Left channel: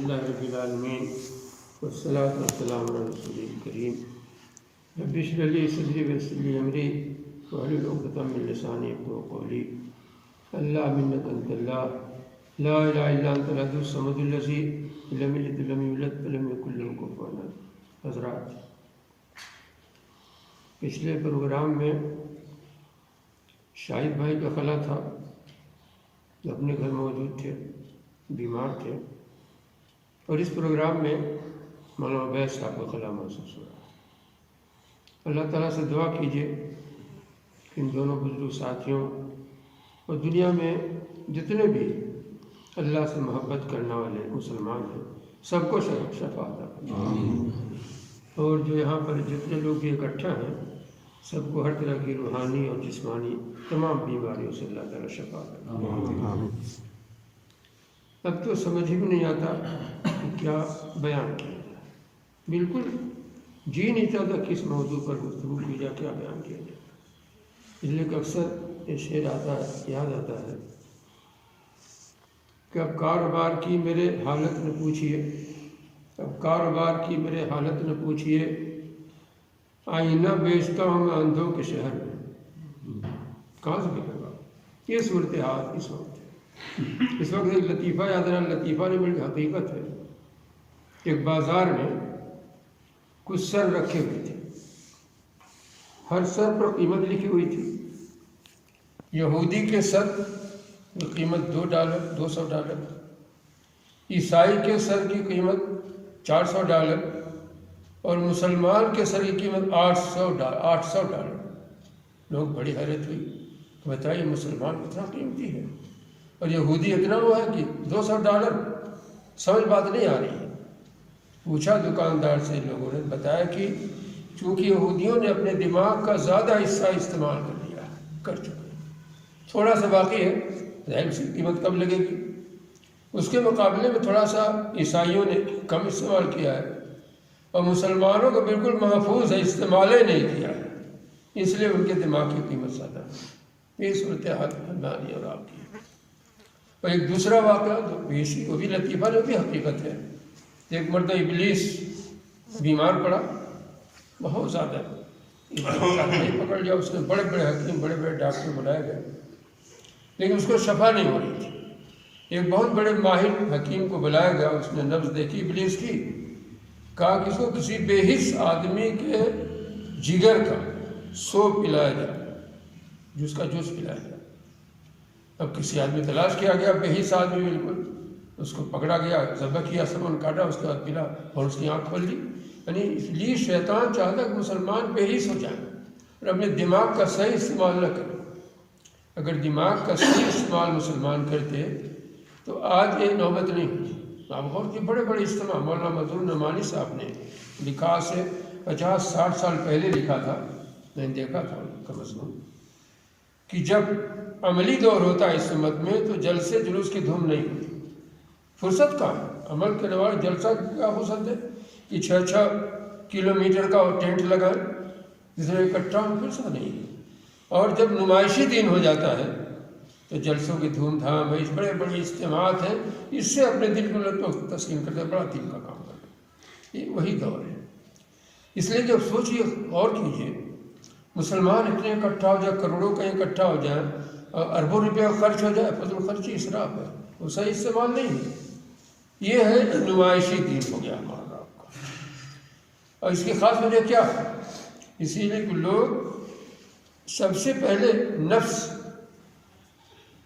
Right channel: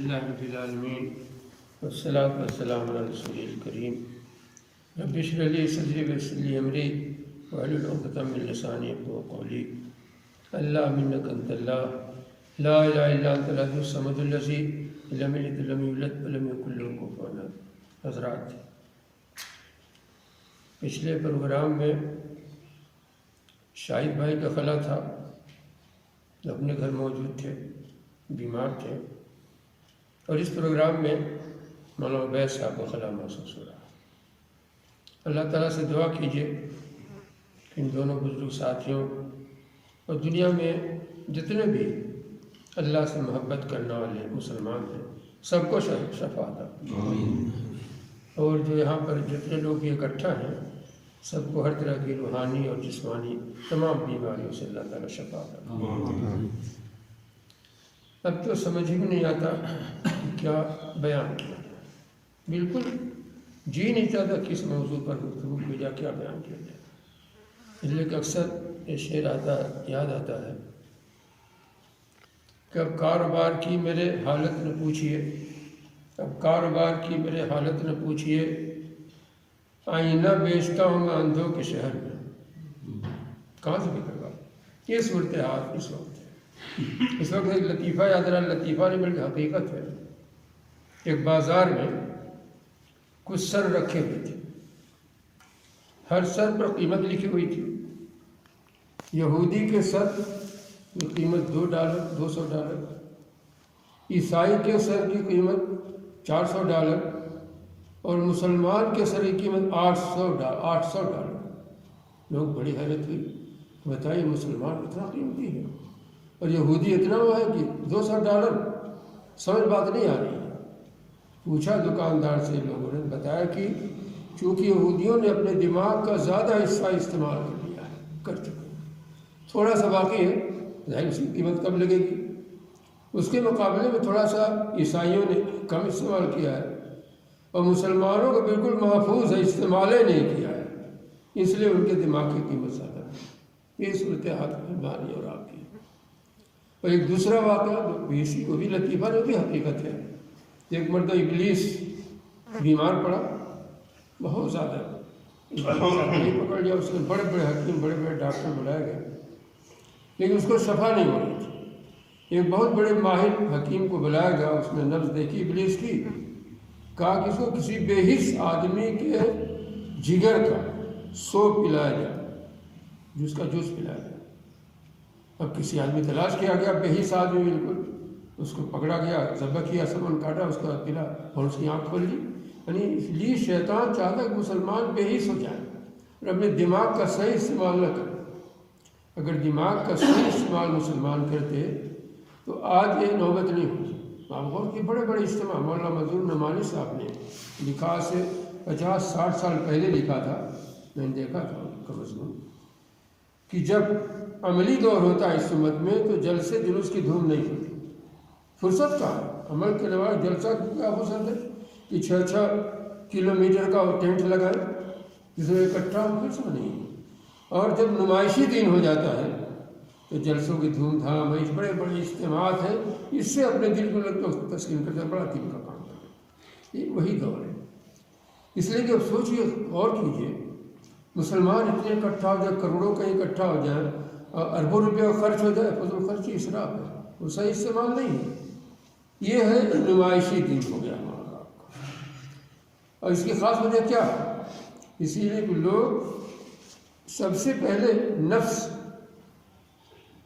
الحمدللہ رب العالمین والصلاة والسلام علی رسول الکریم رب اشرح لی صدری ویسر لی امری واحلل عقدۃ من لسانی یفقهوا قولی اللہم انک انت اللہ لا الہ الا انت الاحد الصمد الذی لم یلد ولم یولد ولم یکن لہ کفوا احد۔ حضرات، پچھلے پروگرام میں شاہد بھائی کا خلا تھا، اپنے گھر موجود تھے، بیمار تھے، اور اس پروگرام میں مولانا عبید صاحب کا خلا محسوس ہو رہا۔ اللہ تعالیٰ سے دعا کیجیے کہ ان دونوں بزرگ ساتھیوں اور دنیا میں جتنے بھی اللہ سے محبت کرنے والے مسلمان ہیں سب کو شفا عطا فرمائے، اور جو یہاں پر جتنے لوگ بھی اکٹھا ہیں سب کو ہر طرح کی روحانی اور جسمانی تمام بیماریوں سے اللہ تعالیٰ شفا عطا فرمائے۔ اب تو سمجھ ہی نہیں آتا کہ کیا بیان کیا جائے، بالکل جی نہیں چاہتا کس موضوع پر گفتگو کی جائے، کیا بیان کیا جائے، اس لیے کہ اکثر یہ شعر آتا ہے، یاد آتا ہے کہ اب کاروبار کی میرے حالت نہ پوچھیے، اب کاروبار کی میرے حالت نہ پوچھیے، آئینہ بیچتا ہوں میں اندھوں کے شہر میں۔ کہاں سے نکل گا یہ صورتحال اس وقت ہے۔ اس وقت ایک لطیفہ یاد رہا، لطیفہ نہیں بلکہ حقیقت ہے۔ ایک بازار میں کچھ سر رکھے ہوئے تھے، ہر سر پر قیمت لکھی ہوئی تھی۔ یہودی کے سر کی قیمت $2 $200، عیسائی کے سر کی قیمت $400، اور مسلمان کے سر کی قیمت $800۔ لوگ بڑی حیرت ہوئی، بتائیے مسلمان اتنا قیمتی ہے اور یہودی اتنا وہ ہے کہ $200، سمجھ بات نہیں آ رہی ہے۔ پوچھا دکاندار سے، لوگوں نے بتایا کہ چونکہ یہودیوں نے اپنے دماغ کا زیادہ حصہ استعمال کر چکے، تھوڑا سا باقی ہے، ظاہر سی قیمت کم لگے گی، اس کے مقابلے میں تھوڑا سا عیسائیوں نے کم استعمال کیا ہے، اور مسلمانوں کو بالکل محفوظ ہے، استعمال ہی نہیں کیا ہے، اس لیے ان کے دماغ کی قیمت زیادہ ہے۔ یہ صورتحال ہماری اور آپ کی۔ اور ایک دوسرا واقعہ وہ بھی لطیفہ ہے، وہ بھی حقیقت ہے۔ ایک مرتبہ ابلیس بیمار پڑا، بہت زیادہ پکڑ لیا اس نے، بڑے بڑے حکیم بڑے بڑے ڈاکٹر بلائے گئے، لیکن اس کو شفا نہیں ہو رہی تھی۔ ایک بہت بڑے ماہر حکیم کو بلایا گیا، اس نے نبض دیکھی ابلیس کی، کہا کہ اس کو کسی بے حس آدمی کے جگر کا سوپ پلایا جائے، جس کا جوس پلایا جائے۔ اب کسی آدمی تلاش کیا گیا، بے حس آدمی بالکل، اس کو پکڑا گیا، ذبح کیا، سمن کاٹا، اس کو پلا اور اس کی آنکھ کھول دی۔ یعنی اس لیے شیطان چاہتا کہ مسلمان بے حس ہو جائے اور اپنے دماغ کا صحیح استعمال نہ کرے۔ اگر دماغ کا صحیح استعمال مسلمان کرتے تو آج یہ نوبت نہیں ہوتی۔ آپ غور کی بڑے بڑے اجتماع مولانا مظہور نعمانی صاحب نے لکھا سے 50-60 سال پہلے لکھا تھا، میں نے دیکھا تھا ان کا مضمون، کہ جب عملی دور ہوتا ہے اس امت میں تو جلسے جلوس کی دھوم نہیں ہوتی، فرصت کہاں ہے؟ عمل کرنے والے جلسہ کیا فرصت ہے کہ 6 کلومیٹر کا اور ٹینٹ لگائیں، جس میں اکٹھا فرصت نہیں ہے۔ اور جب نمائشی دن ہو جاتا ہے تو جلسوں کی دھوم دھام، بڑے بڑے اجتماعات ہیں، اس سے اپنے دل کو تسکین کرتے بڑا دل کا کام کرنا، یہ وہی دور ہے۔ اس لیے جب سوچیے، غور کیجیے، مسلمان اتنے اکٹھا ہو جائے، کروڑوں کا اکٹھا ہو جائے اور اربوں روپے خرچ ہو جائے، فضل خرچی اسراف ہے، وہ صحیح استعمال نہیں ہے۔ یہ ہے نمائشی دین ہو گیا ہمارا۔ اور اس کی خاص وجہ کیا ہے؟ اسی لیے کہ لوگ سب سے پہلے نفس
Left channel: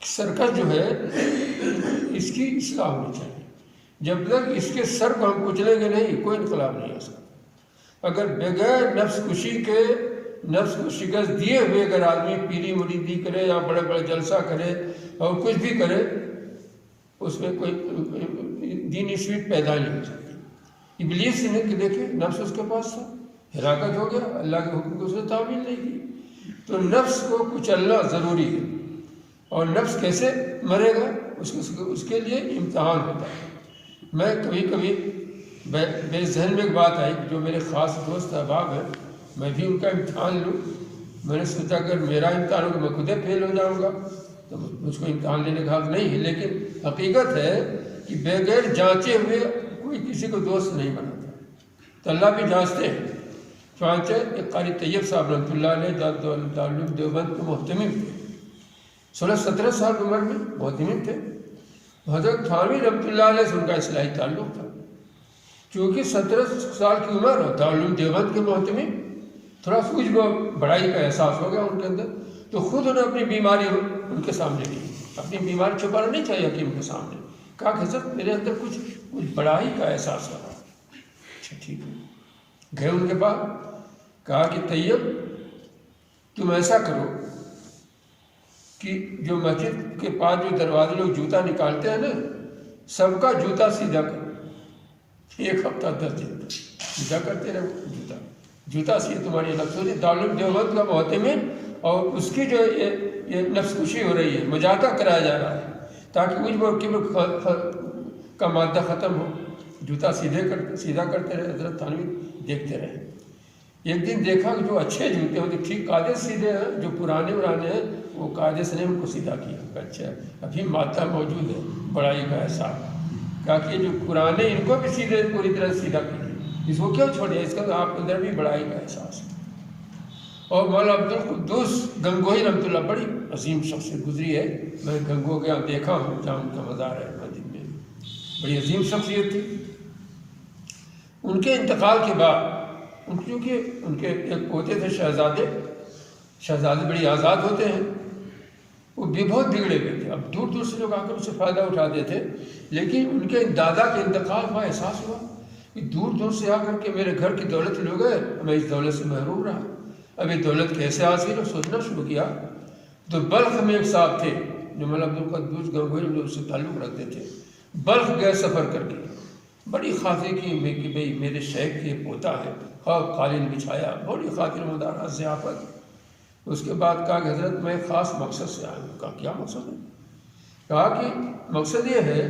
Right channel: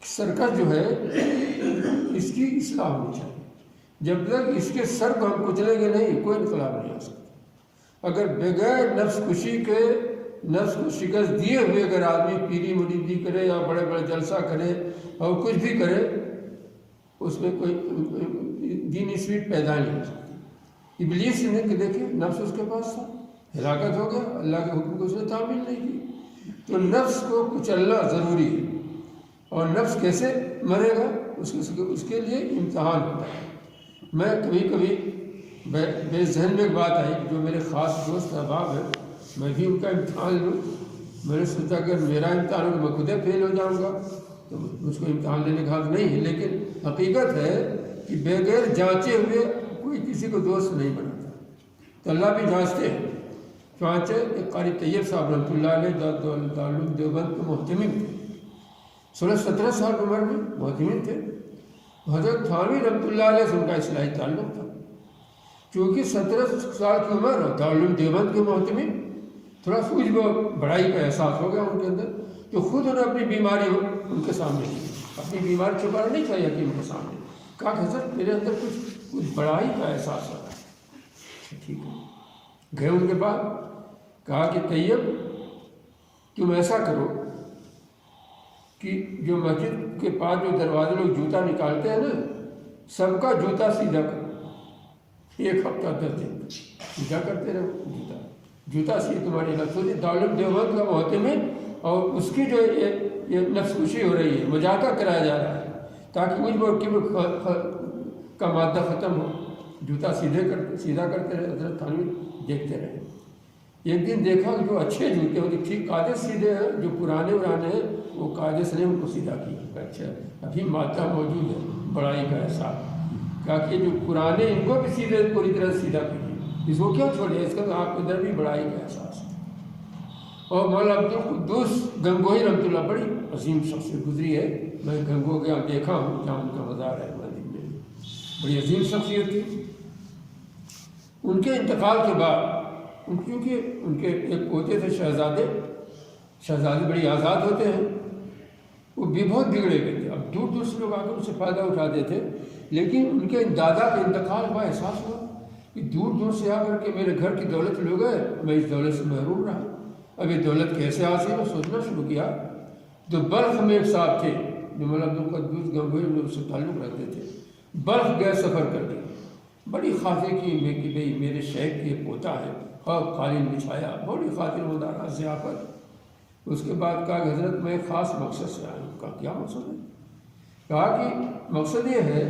سرکش جو ہے اس کی اصلاح ہونی چاہیے۔ جب تک اس کے سر کو ہم کچلیں گے نہیں، کوئی انقلاب نہیں ہو سکتا۔ اگر بغیر نفس کشی کے، نفس کو شکست دیے ہوئے اگر آدمی پیری مریدی کرے یا بڑے بڑے جلسہ کرے اور کچھ بھی کرے، اس میں کوئی دینی سویٹ پیدا نہیں ہو سکتی۔ ابلیس نے کہ دیکھیں نفس اس کے پاس تھا، ہلاکت ہو گیا، اللہ کے حکم کو اس نے تعمیل نہیں کی۔ تو نفس کو کچلنا ضروری ہے، اور نفس کیسے مرے گا اس کے لیے امتحان ہوتا ہے۔ میں کبھی کبھی بے ذہن میں ایک بات آئی کہ جو میرے خاص دوست احباب ہیں، میں بھی ان کا امتحان لوں۔ میں نے سوچا اگر میرا امتحان ہو میں خود فیل ہو جاؤں گا تو مجھ کو امتحان لینے کا حق نہیں ہے، لیکن حقیقت ہے کہ بغیر جانچے ہوئے کوئی کسی کو دوست نہیں بناتا، تو اللہ بھی جانچتے ہیں۔ چنانچہ ایک قاری طیب صاحب رحمۃ اللہ علیہ دارالعلوم دیوبند کے محتمم تھے، 16-17 سال کی عمر میں محتمم تھے۔ حضرت تھانوی رحمۃ اللہ علیہ سے ان کا اصلاحی تعلق تھا، چونکہ 17 سال کی عمر اور دارالعلوم دیوبند کے محتمم، تھوڑا سوجھ بڑائی کا احساس ہو گیا ان کے اندر، تو خود انہوں نے اپنی بیماری ان کے سامنے کی، اپنی بیماری چھپانا نہیں چاہیے کہ ان کے سامنے، کہا کہ حضرت میرے اندر کچھ بڑائی کا احساس ہو رہا ہے۔ اچھا ٹھیک ہے، گئے ان کے بعد، کہا کہ طیب تم ایسا کرو کہ جو مسجد کے پاس جو دروازے لوگ جوتا نکالتے ہیں نا، سب کا جوتا سیدھا کرو، 1 ہفتہ 10 دن سیدھا کرتے رہو، جوتا سیدھا تمہاری لفظ ہوتی۔ دارالعلوم دیوبند کا محتمم اور اس کی جو یہ نفس کشی ہو رہی ہے، مجاہدہ کرایا جا رہا ہے تاکہ مجھ پر کبر کا مادہ ختم ہو، جوتا سیدھا کرتے رہے۔ حضرت تھانوی دیکھتے رہے، ایک دن دیکھا کہ جو اچھے جوتے ہوتے ٹھیک قاعدے سیدھے ہیں، جو پرانے ہیں وہ قاعدے سے نے ان کو سیدھا کیا۔ اچھا ابھی مادہ موجود ہے، بڑائی کا احساس، کہا کہ جو پرانے ان کو بھی سیدھے پوری طرح سیدھا کیجیے، اس کو کیوں چھوڑیے، اس کا آپ کے اندر بھی بڑائی کا احساس ہے۔ اور مولانا عبدالقدوس گنگوہی رحمۃ اللہ، بڑی عظیم شخصیت گزری ہے، میں گنگو کے یہاں دیکھا ہوں جہاں ان کا مزار ہے مسجد میں، بڑی عظیم شخصیت تھی۔ ان کے انتقال کے بعد کیونکہ ان کے ایک پوتے تھے شہزادے بڑے آزاد ہوتے ہیں، وہ بھی بہت بگڑے ہوئے تھے، اب دور دور سے لوگ آ کر اس سے فائدہ اٹھاتے تھے، لیکن ان کے دادا کے انتقال کا احساس ہوا کہ دور دور سے آ کر کے میرے گھر کی دولت لے گئے، میں اس دولت سے محروم رہا، اب یہ دولت کیسے حاصل ہو، سوچنا شروع کیا۔ تو بلخ میں ایک صاحب تھے جو مولانا عبدالقدوس گنگوہی جو اس سے تعلق رکھتے تھے، بلخ گئے سفر کر کے، بڑی خاطر کی کہ بھئی میرے شیخ کے پوتا ہے، خواب قالین بچھایا، بڑی خاطر مدارہ ضیافت۔ اس کے بعد کہا کہ حضرت میں ایک خاص مقصد سے آیا ہوں۔ کہا کیا مقصد ہے؟ کہا کہ مقصد یہ ہے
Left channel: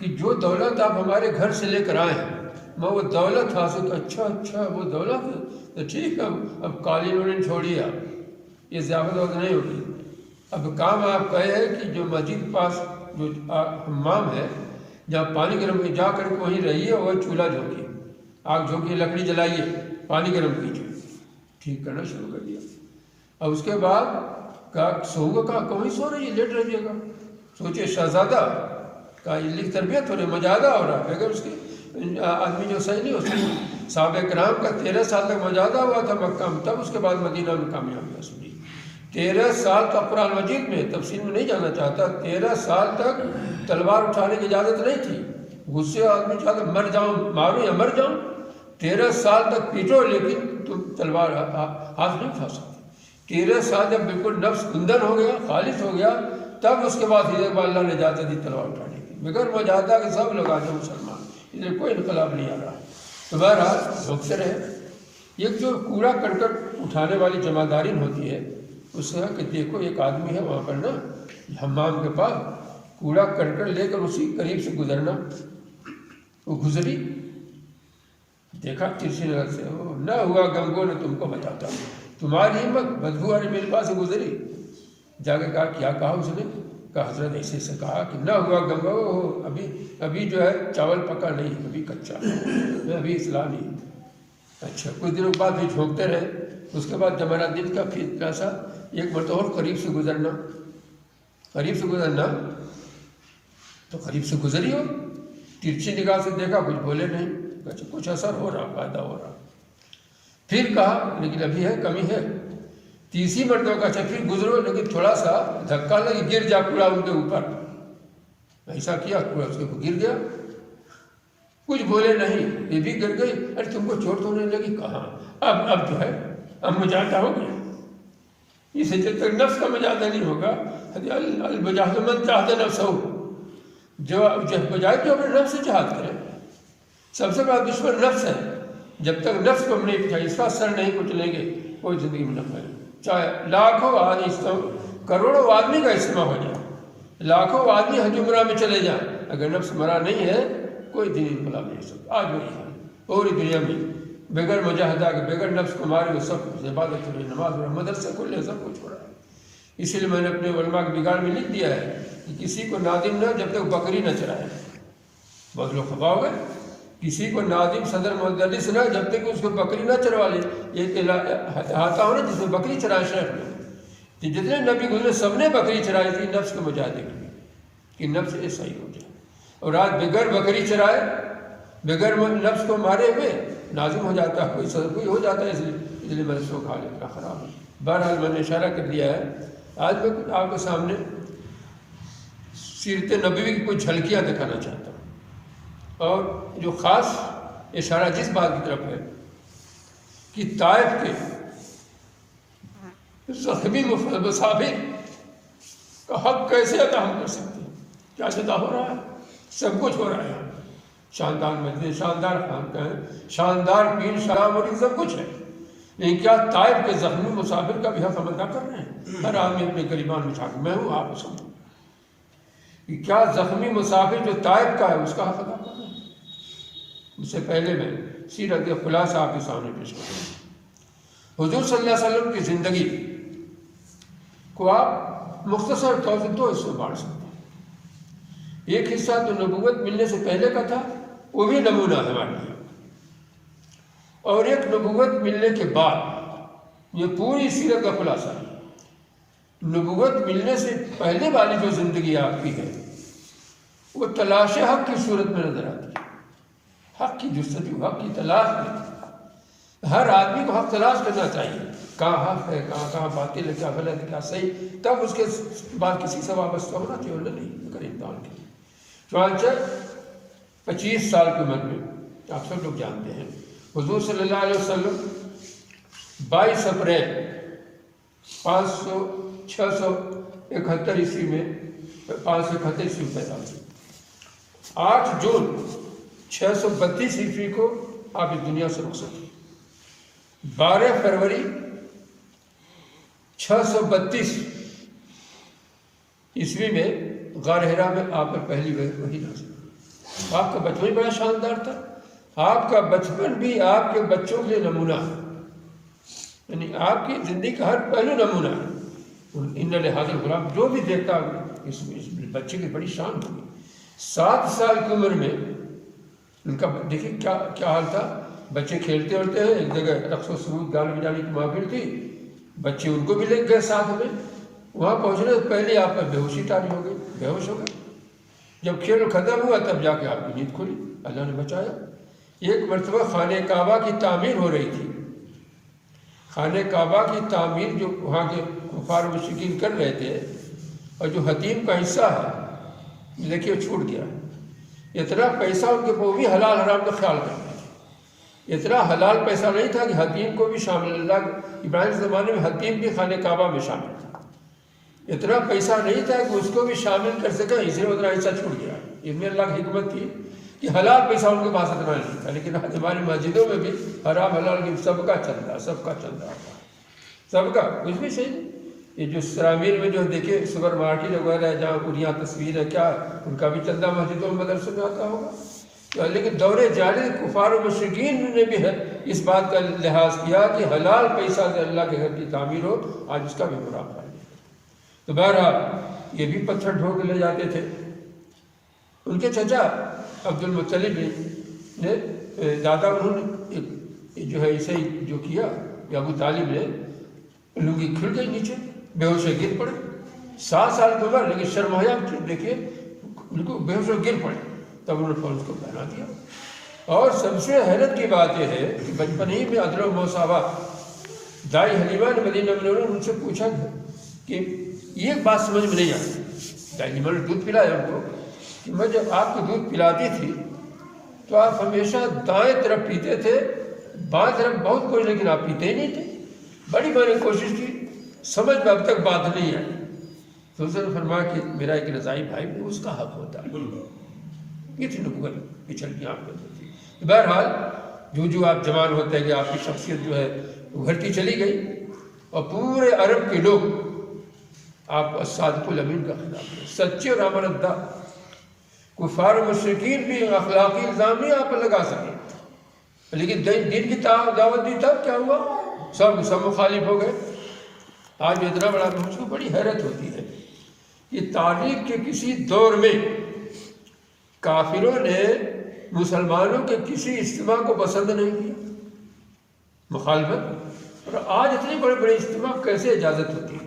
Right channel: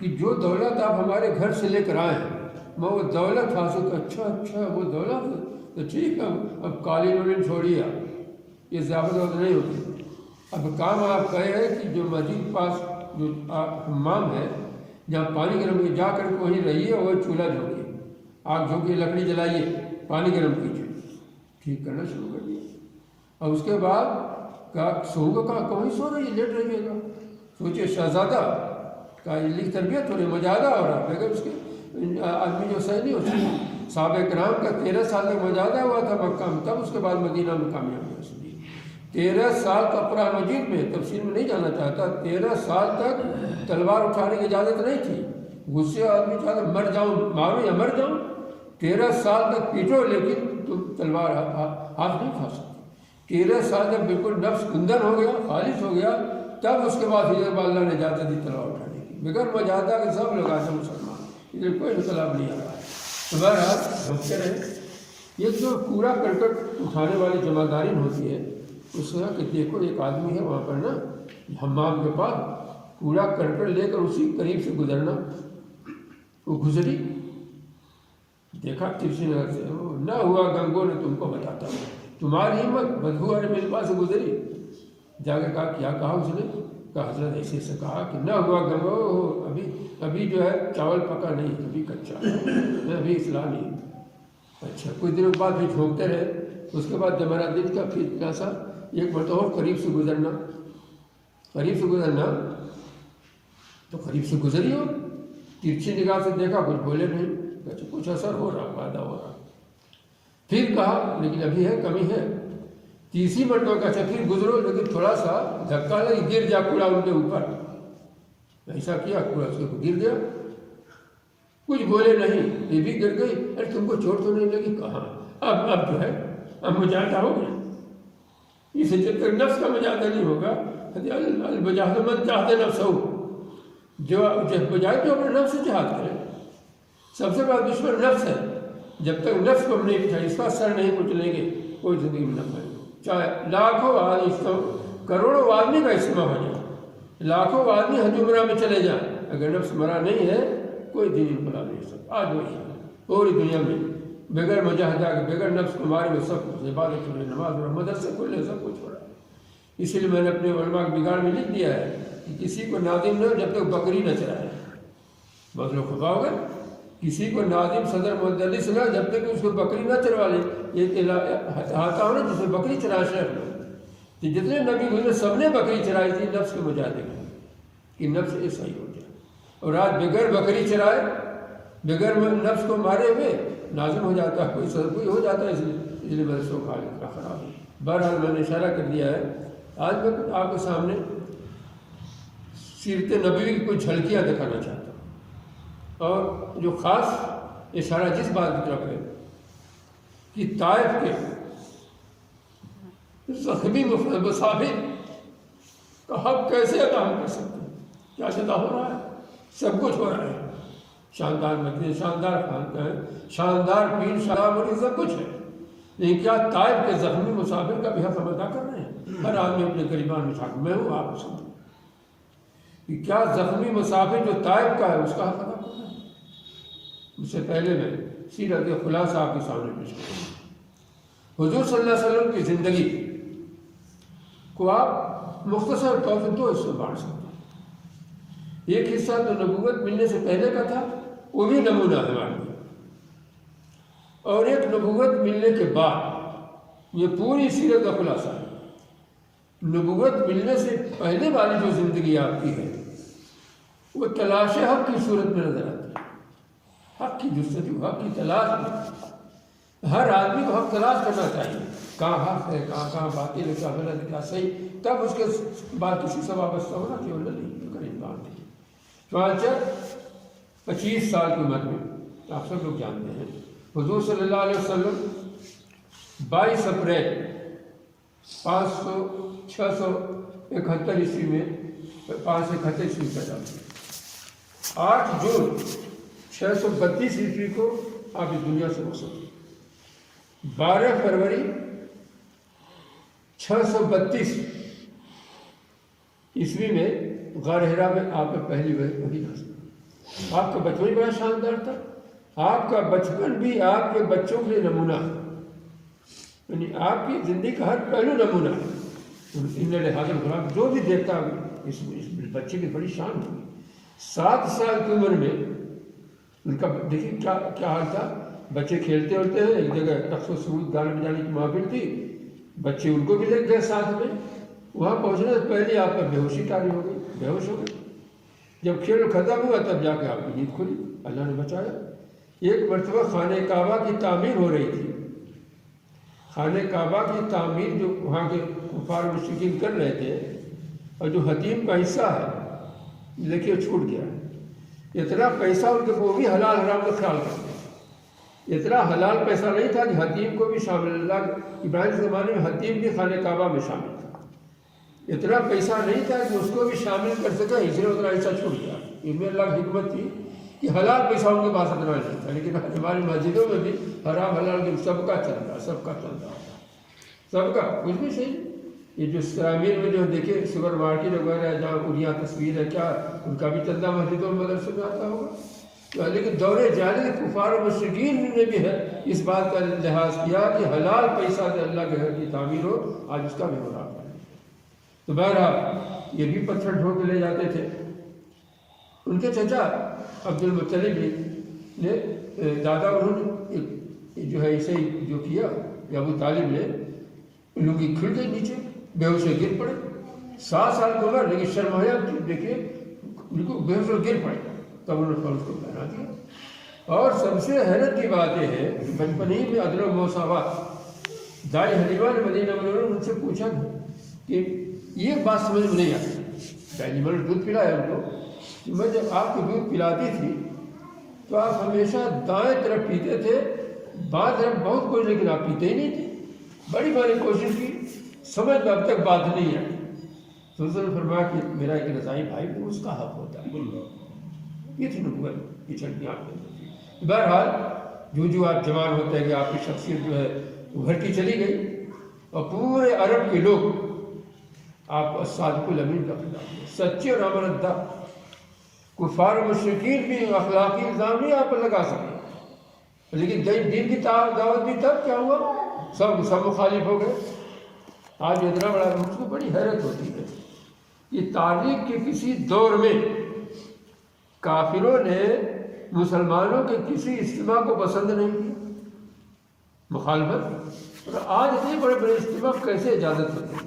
کہ جو دولت آپ ہمارے گھر سے لے کر آئے ہیں، میں وہ دولت حاصل کر۔ اچھا وہ دولت تو ٹھیک ہے، اب قالین انہوں نے چھوڑی ہے، یہ ضیافت وقت نہیں ہوگی، اب کام آپ کا ہے کہ جو مسجد کے پاس جو حمام ہے جہاں پانی گرم کی جا کر وہیں رہیے، وہ چولہا جھونکیے، آگ جھونکیے، لکڑی جلائیے، پانی گرم کیجیے۔ ٹھیک کرنا شروع کر دیا۔ اب اس کے بعد کہا سوگا، کہا کہیں سو رہی ہے، لیٹ رہیے گا۔ سوچے شہزادہ کا یہ تربیت ہو رہی، مجاہدہ ہو رہا ہے، اگر اس کے آدمی جو صحیح نہیں، اس کے صحابہ کرام کا 13 سال تک مجاہدہ ہوا تھا مکہ میں، تب اس کے بعد مدینہ میں کامیاب ہوا۔ سنیے 13 سال کا قرآن مجید میں، تفسیر میں نہیں جانا چاہتا، 13 سال تک تلوار اٹھانے کی اجازت نہیں تھی، غصے آدمی چاہتا مر جاؤں، مارو یا مر جاؤں، 13 سال تک پیٹو لیکن تم تلوار ہاتھ نہیں اٹھا سکتے۔ 13 سال جب بالکل نفس گندن ہو گیا، خالص ہو گیا، تب اس کے بعد ادھر اللہ نے اجازت دی تلوار اٹھانے کی، بغیر مجاہدہ کے سب لوگ آج مسلمان، ادھر کوئی انقلاب نہیں آ رہا۔ تمہارا مقصد ہے یہ جو کوڑا کرکٹ اٹھانے والی جمعداری ہوتی ہے، اس سے کہ دیکھو ایک آدمی ہے وہاں پر نا حمام کے پاس کوڑا کرکٹ لے کر اسی قریب سے گزرنا، وہ گزری، دیکھا ترسی نگر سے، نہ ہوا گنگو نے تم کو بتاتا ہوں، تمہاری ہمت، بدبو والے میرے پاس سے گزری، جا کے کہا کیا کہا اس نے؟ کہا حضرت ایسے سے کہا کہ نہ ہوا گنگو، ابھی جو ہے چاول پکا نہیں، ابھی کچا، ابھی اصلاح نہیں۔ اچھا کچھ دنوں بعد بھی جھونکتے رہے، اس کے بعد جب میرا دل کا پھر پیاسا، ایک مرتبہ قریب سے گزرنا تو قریب سے گزری ہو، ترچھی نگاہ سے دیکھا، کچھ بولے نہیں، اچھا کچھ اثر ہو رہا، فائدہ ہو رہا۔ پھر کہا لیکن ابھی ہے، کمی ہے۔ تیسری مرتبہ کا اچھا پھر گزرو لیکن تھوڑا سا دھکا لگی، گر جا کوڑا ان کے اوپر، ایسا کیا کوڑا اس کے گر گیا، کچھ بولے نہیں، یہ بھی گر گئی، ارے تم کو چوٹ تو نہیں لگی؟ کہاں، اب جو ہے اب مجاہدہ ہو گیا، اسے جب تک نفس کا مجاہدہ نہیں ہوگا، المجاہد من جاہد نفسہ، جو مجاہد جو اپنے نفس سے جہاد کرے، سب سے بڑا دشمن نفس ہے، جب تک نفس کو ہم نہیں بچائیں، اس کا سر نہیں کچلیں گے، کوئی زندگی میں نہ پائے، چاہے لاکھوں آدمی، کروڑوں آدمی کا اجتماع ہو جائے، لاکھوں آدمی حجمرہ میں چلے جائیں، اگر نفس مرا نہیں ہے کوئی دین انقلاب نہیں سکتا۔ آج وہی ہے پوری دنیا میں، بغیر مجاہدہ کے، بغیر نفس تمہاری، وہ سب کچھ عبادت ہو رہی ہے، نماز پڑھ، مدرسے کھلے، سب کچھ ہو رہا ہے۔ اسی لیے میں نے اپنے علماء کے بگاڑ میں لکھ دیا ہے کہ کسی کو نادم نہ جب تک بکری نہ چرائے۔ بہت لوگ خفا ہو گئے، کسی کو ناظم صدر مدرس نہ جب تک اس کو بکری نہ چروا لے. ایک ہاتھا ہونا جس نے بکری چرایا شیخ نے، کہ جتنے نبی گزرے سب نے بکری چرائی تھی نفس کو بجا دے گی کہ نفس یہ صحیح ہو جائے. اور آج بغیر بکری چرائے بغیر نفس کو مارے ہوئے نازم ہو جاتا ہے، کوئی صدر کوئی ہو جاتا ہے، اس لیے برسوں کا حال اتنا خراب ہے. بہرحال میں نے اشارہ کر دیا ہے. آج میں آپ کے سامنے سیرت نبوی کی کوئی جھلکیاں دکھانا چاہتا ہوں، اور جو خاص اشارہ جس بات کی طرف ہے کہ طائف کے زخمی مسافر کا حق کیسے ادا ہم کر سکتے ہیں. کیا ادا ہو رہا ہے؟ سب کچھ ہو رہا ہے. شاندار مسجد، شاندار خانقاہ، شاندار پیر، شراب اور سب کچھ ہے، لیکن کیا طائف کے زخمی مسافر کا بھی حق ہم ادا کر رہے ہیں؟ ہر آدمی اپنے گریبان میں چھاٹ، میں ہوں آپ سن کہ کیا زخمی مسافر جو طائف کا ہے اس کا حق ادا کر رہے ہیں؟ اس سے پہلے میں سیرت کے خلاصہ آپ کے سامنے پیش کروں. حضور صلی اللہ علیہ وسلم کی زندگی کو آپ مختصر طور سے دو حصوں میں بانٹ سکتے ہیں. ایک حصہ تو نبوت ملنے سے پہلے کا تھا، وہ بھی نمونہ ہمارے لیے، اور ایک نبوت ملنے کے بعد، یہ پوری سیرت کا خلاصہ ہے. نبوت ملنے سے پہلے والی جو زندگی آپ کی ہے وہ تلاش حق کی صورت میں نظر آتی ہے. حق کی جستجو، حق کی تلاش میں ہر آدمی کو حق تلاش کرنا چاہیے. کہاں حق ہے، کہاں باطل ہے، کیا غلط ہے، کیا صحیح، تب اس کے بعد کسی سے وابستہ ہونا چاہیے، ورنہ نہیں. امتحان کے چنانچہ 25 سال کی عمر میں آپ سب لوگ جانتے ہیں حضور صلی اللہ علیہ وسلم 22 اپریل 671 عیسوی میں 571 عیسوی پیدا ہوئے. 8 جون 632 عیسوی کو آپ اس دنیا سے رخصت ہوئے. 12 فروری 632 عیسوی میں غار حرا میں آپ پر پہلی وحی نازل. آپ کا بچپن بھی بڑا شاندار تھا. آپ کا بچپن بھی آپ کے بچوں کے لیے نمونہ ہے، یعنی آپ کی زندگی کا ہر پہلو نمونہ ہے. ان لحاظ غلام جو بھی دیکھتا ہے اس بچے کی بڑی شان ہوگی. 7 سال کی عمر میں ان کا دیکھیں کیا حال تھا. بچے کھیلتے ہوتے ہیں، ایک جگہ رقص و سرود گانے بجانے کی محفل تھی، بچے ان کو بھی لے گئے ساتھ میں. وہاں پہنچنے سے پہلے آپ پر بے ہوشی طاری ہو گئی، بے ہوش ہو گئے. جب کھیل ختم ہوا تب جا کے آپ کی نیند کھلی، اللہ نے بچایا. ایک مرتبہ خانہ کعبہ کی تعمیر ہو رہی تھی. خانہ کعبہ کی تعمیر جو وہاں کے کفار مشرکین کر رہے تھے، اور جو حتیم کا حصہ ہے دیکھیے چھوٹ گیا. اتنا پیسہ ان کے وہ بھی حلال حرام کا خیال کرتے تھے. اتنا حلال پیسہ نہیں تھا کہ حتیم کو بھی شامل، اللہ ابراہیم کے زمانے میں حتیم بھی خانہ کعبہ میں شامل تھا. اتنا پیسہ نہیں تھا کہ اس کو بھی شامل کر سکا، اس لیے اتنا حصہ چھوٹ گیا. اس میں اللہ کی حکمت تھی کہ حلال پیسہ ان کے پاس اتنا نہیں تھا. لیکن ہماری مسجدوں میں بھی حرام حلال کی سب کا چل رہا، سب کا چل رہا، سب کا کچھ بھی صحیح. یہ جو سرامیر میں جو دیکھیے سپر مارکیٹ وغیرہ ہے جہاں پوریا تصویر ہے، کیا ان کا بھی چندہ مسجدوں میں مدرسوں میں آتا ہوگا. لیکن دور جانے کفار و مشرکین نے بھی ہے اس بات کا لحاظ کیا کہ حلال پیسہ سے اللہ کے گھر کی تعمیر ہو، آج اس کا بھی مراقبہ ہے. تو بہرحال یہ بھی پتھر ڈھو کے لے جاتے تھے. ان کے چچا عبد المطلب نے دادا انہوں نے ایک جو ہے اسے جو کیا کہ ابو طالب نے لنگی کھل گئی نیچے، بے ہوش گر پڑے. 7 سال کی عمر، لیکن شرمایا دیکھیے بالکل بے ہوش گر پڑے. تب انہوں نے فوراً اس کو پہنا دیا. اور سب سے حیرت کی بات یہ ہے کہ بچپن ہی میں عدل و مساوات. دائی حلیمہ نے مدینہ منورہ ان سے پوچھا کہ یہ بات سمجھ میں نہیں آتی. دائی حلیمہ نے دودھ پلایا ان کو کہ میں جب آپ کو دودھ پلاتی تھی تو آپ ہمیشہ دائیں طرف پیتے تھے، بائیں طرف بہت کچھ، لیکن آپ پیتے ہی نہیں تھے. بڑی بڑی کوشش کی، سمجھ میں اب تک بات نہیں ہے. تو اس نے فرمایا کہ میرا ایک رضائی بھائی ہے، اس کا حق ہوتا ہے. یہ تھی نبوت پچھڑ کی آپ ہوتی. بہرحال جو آپ جوان ہوتے ہیں کہ آپ کی شخصیت جو ہے ابھرتی چلی گئی، اور پورے عرب کے لوگ آپ کو صادق الامین کا خطاب دیا، سچے اور امانتدار. کفار و مشرکین بھی اخلاقی الزام نہیں آپ پر لگا سکے، لیکن دین کی دعوت دی تب کیا ہوا؟ سب مخالف ہو گئے. آج اتنا بڑا مجھ کو بڑی حیرت ہوتی ہے کہ تاریخ کے کسی دور میں کافروں نے مسلمانوں کے کسی اجتماع کو پسند نہیں کی مخالفت. اور آج اتنے بڑے بڑے اجتماع کیسے اجازت ہوتی ہے؟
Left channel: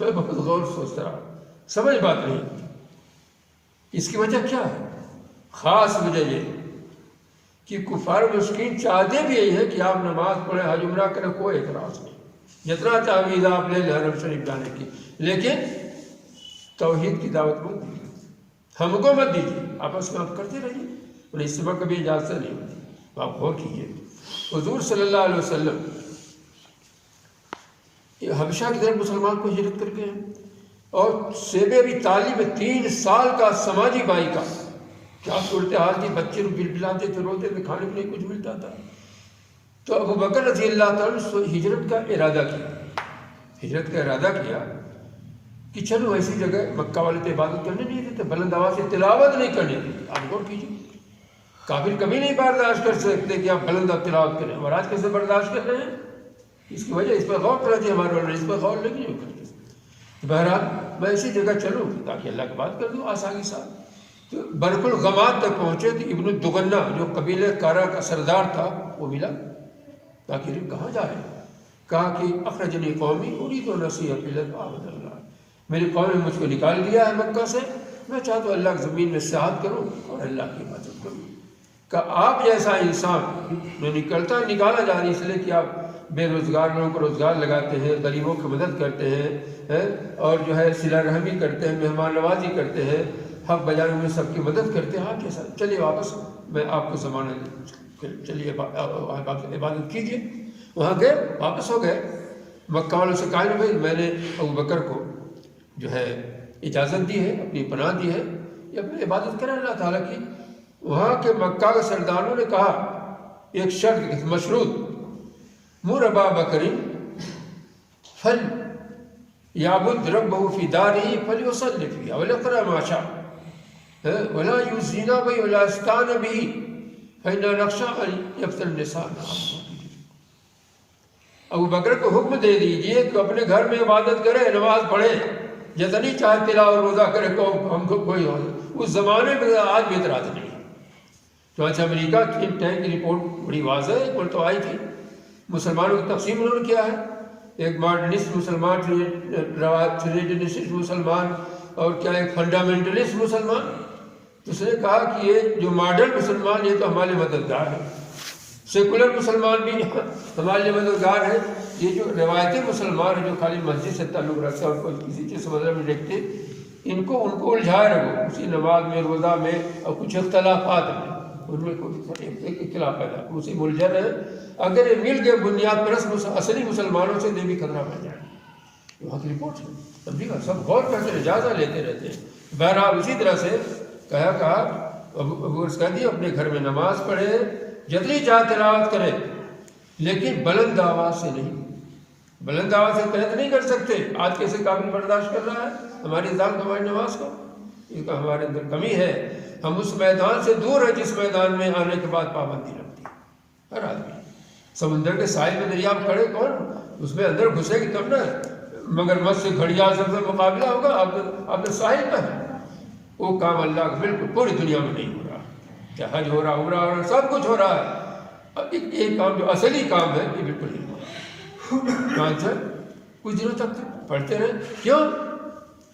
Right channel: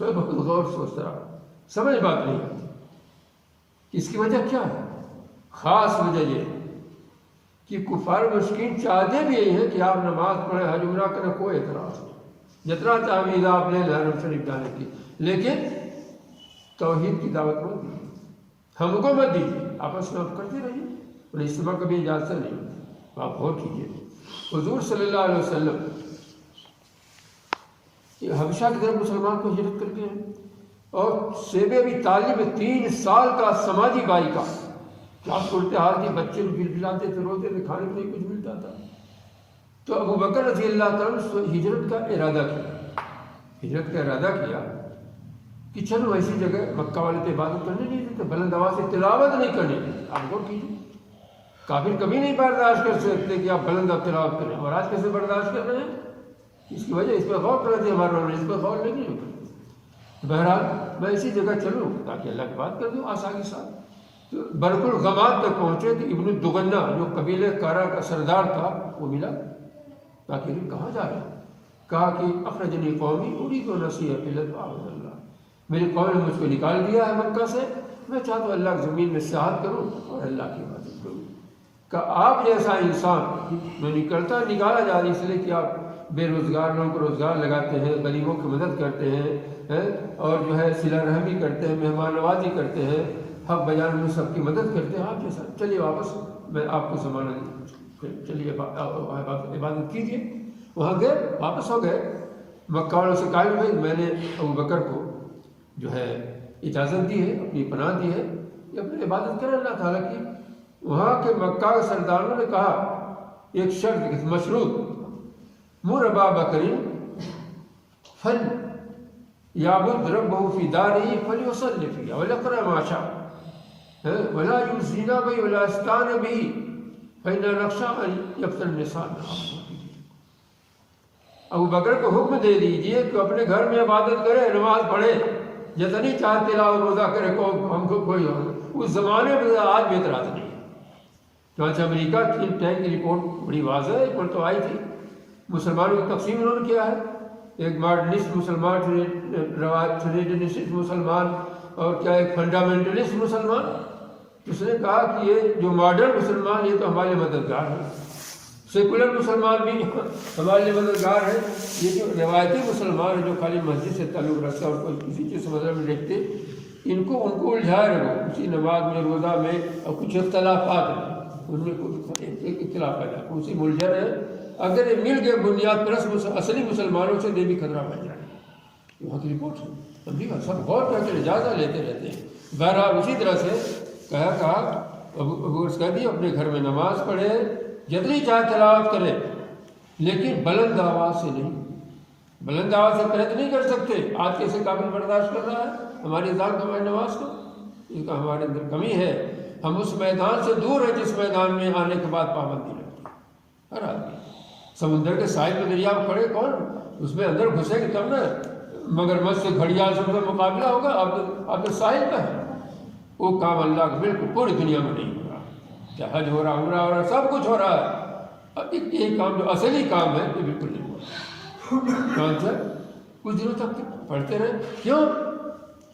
میں بہت غور سوچتا رہا, سمجھ بات نہیں ہوتی. اس کی وجہ کیا ہے؟ خاص وجہ یہ کہ کفار مشکین چاہتے بھی یہی ہے کہ آپ نماز پڑھیں, حج عمرہ کریں, کوئی اعتراض نہیں, جتنا تعویذ آپ لے لیں حرم شریف جانے کی, لیکن توحید کی دعوت مت دیجیے, ہم کو مت دیجیے, آپس میں آپ کرتے رہیے. اور اجتماع کبھی اجازت نہیں ہوتی. آپ غور کیجیے, حضور صلی اللہ علیہ وسلم حبشہ کی طرف مسلمان کو ہجرت کر گئے, اور شیب ابی طالب 3 سال کا سماجی بائی کا کیا صورتحال تھی, بچے بل بلاتے تھے, روتے تھے, کھانے کے لیے کچھ ملتا تھا. تو ابو بکر رضی اللہ تعالیٰ نے ہجرت کا ارادہ کیا کہ چلو ایسی جگہ, مکہ والے تو عبادت کرنے نہیں دیتے, بلند آواز سے تلاوت نہیں کرنے دیتے. آپ غور کیجیے, کافر کبھی نہیں برداشت کر سکتے کہ آپ بلند تلاوت کریں, اور آج کیسے برداشت کر رہے ہیں؟ اس کی وجہ اس پر غور کرا دیا ہمارے والوں نے, اس پر غور نہیں کرتے. بہرحال میں ایسی جگہ چلوں تاکہ اللہ کی بات کر دوں آسانی سے. تو برق الغماد تک پہنچے تو ابن دغنہ جو قبیلہ کارا کا سردار تھا وہ ملا. تاکہ کہاں جا رہے ہیں؟ کہا کہ اخرجنی قومی اريد نصيحة إلى اعبد اللہ, میری قوم نے مجھ کو نکال دیا ہے مکہ سے, میں چاہتا ہوں اللہ کی زمین میں سیاحت کروں اور اللہ کی عبادت کروں. کہ آپ جیسا انسان نکالا جا رہا ہے اس لیے کہ آپ بے روزگار لوگوں کو روزگار لگاتے ہیں, غریبوں کی مدد کرتے ہیں, اور جو ہے صلہ رحمی کرتے ہیں, مہمان نوازی کرتے ہیں, حق بجانے میں سب کی مدد کرتے ہیں. آپ جیسا چلیے واپس, میں آپ کو ضمانت, چلیے عبادت کیجیے. وہاں گئے, واپس ہو گئے. مکہ والوں سے قائل ہوئے, میں نے ابو بکر کو جو ہے اجازت دی ہے, اپنی پناہ دی ہے, یہ اپنی عبادت کریں اللہ تعالیٰ کی. وہاں کے مکہ کے سرداروں نے کہا ایک شرط مشروط, مر ابا بکر فل یعبد ربہ فی دارہ فلیصلی فیہا ولیقرأ ما شاء ولا یؤذینا بہ ولا یستعن بہ فإنا نخشى أن یفتن النساء. ابو بکر کو حکم دے دیجئے کہ اپنے گھر میں عبادت کرے, نماز پڑھے, جتنی چاہے تلاوت روزہ کرے, ہم کو کوئی ہو. اس زمانے میں آج بھی اعتراض نہیں. چنانچہ امریکہ کی ٹینک کی رپورٹ بڑی واضح ہے, پر تو آئی تھی. مسلمانوں کو تقسیم انہوں نے کیا ہے, ایک ماڈرنسٹ مسلمان, ٹریڈنسٹ مسلمان, اور کیا ایک فنڈامنٹلسٹ مسلمان. اس نے کہا کہ یہ جو ماڈرن مسلمان یہ تو ہمارے مددگار ہیں, سیکولر مسلمان بھی ہمارے لیے مددگار ہیں. یہ جو روایتی مسلمان ہیں جو خالی مسجد سے تعلق رکھتے ہیں اور کسی چیز مذہب میں دیکھتے, ان کو الجھا رہے ہو اسی نماز میں, روزہ میں, اور کچھ اختلافات ہیں ان میں کوئی اختلاف پیدا, اسی الجھا رہے ہیں. اگر یہ مل گئے بنیاد پرست اصلی مسلمانوں سے دے بھی خطرہ بن جائے. وہاں کی رپورٹ ہے, تبھی سب غور کر کے اجازت لیتے رہتے ہیں. بہرحال اسی طرح سے کہا ابو کہہ دیا اپنے گھر میں نماز پڑھے, جتنی چاہے تلاوت کرے, لیکن بلند آواز سے نہیں. بلند آواز سے قید نہیں کر سکتے. آج کیسے قابل برداشت کر رہا ہے ہماری اذان کو, ہماری نماز کو؟ یہ کہ ہمارے اندر کمی ہے. ہم اس میدان سے دور ہیں جس میدان میں آنے کے بعد پابندی رکھتی ہے ہر آدمی. سمندر کے ساحل میں دریا میں کھڑے, کون اس میں اندر گھسے گی تب نا, مگر مجھ سے گھڑیال سے مقابلہ ہوگا. آپ نے ساحل پہ ہے. وہ کام اللہ کا بالکل پوری دنیا میں نہیں ہو رہا. چاہے حج ہو رہا, عمرہ ہو رہا, سب کچھ ہو رہا ہے. ایک کام جو اصلی کام ہے یہ بالکل نہیں ہو رہا. کچھ دنوں تک پڑھتے رہے. کیوں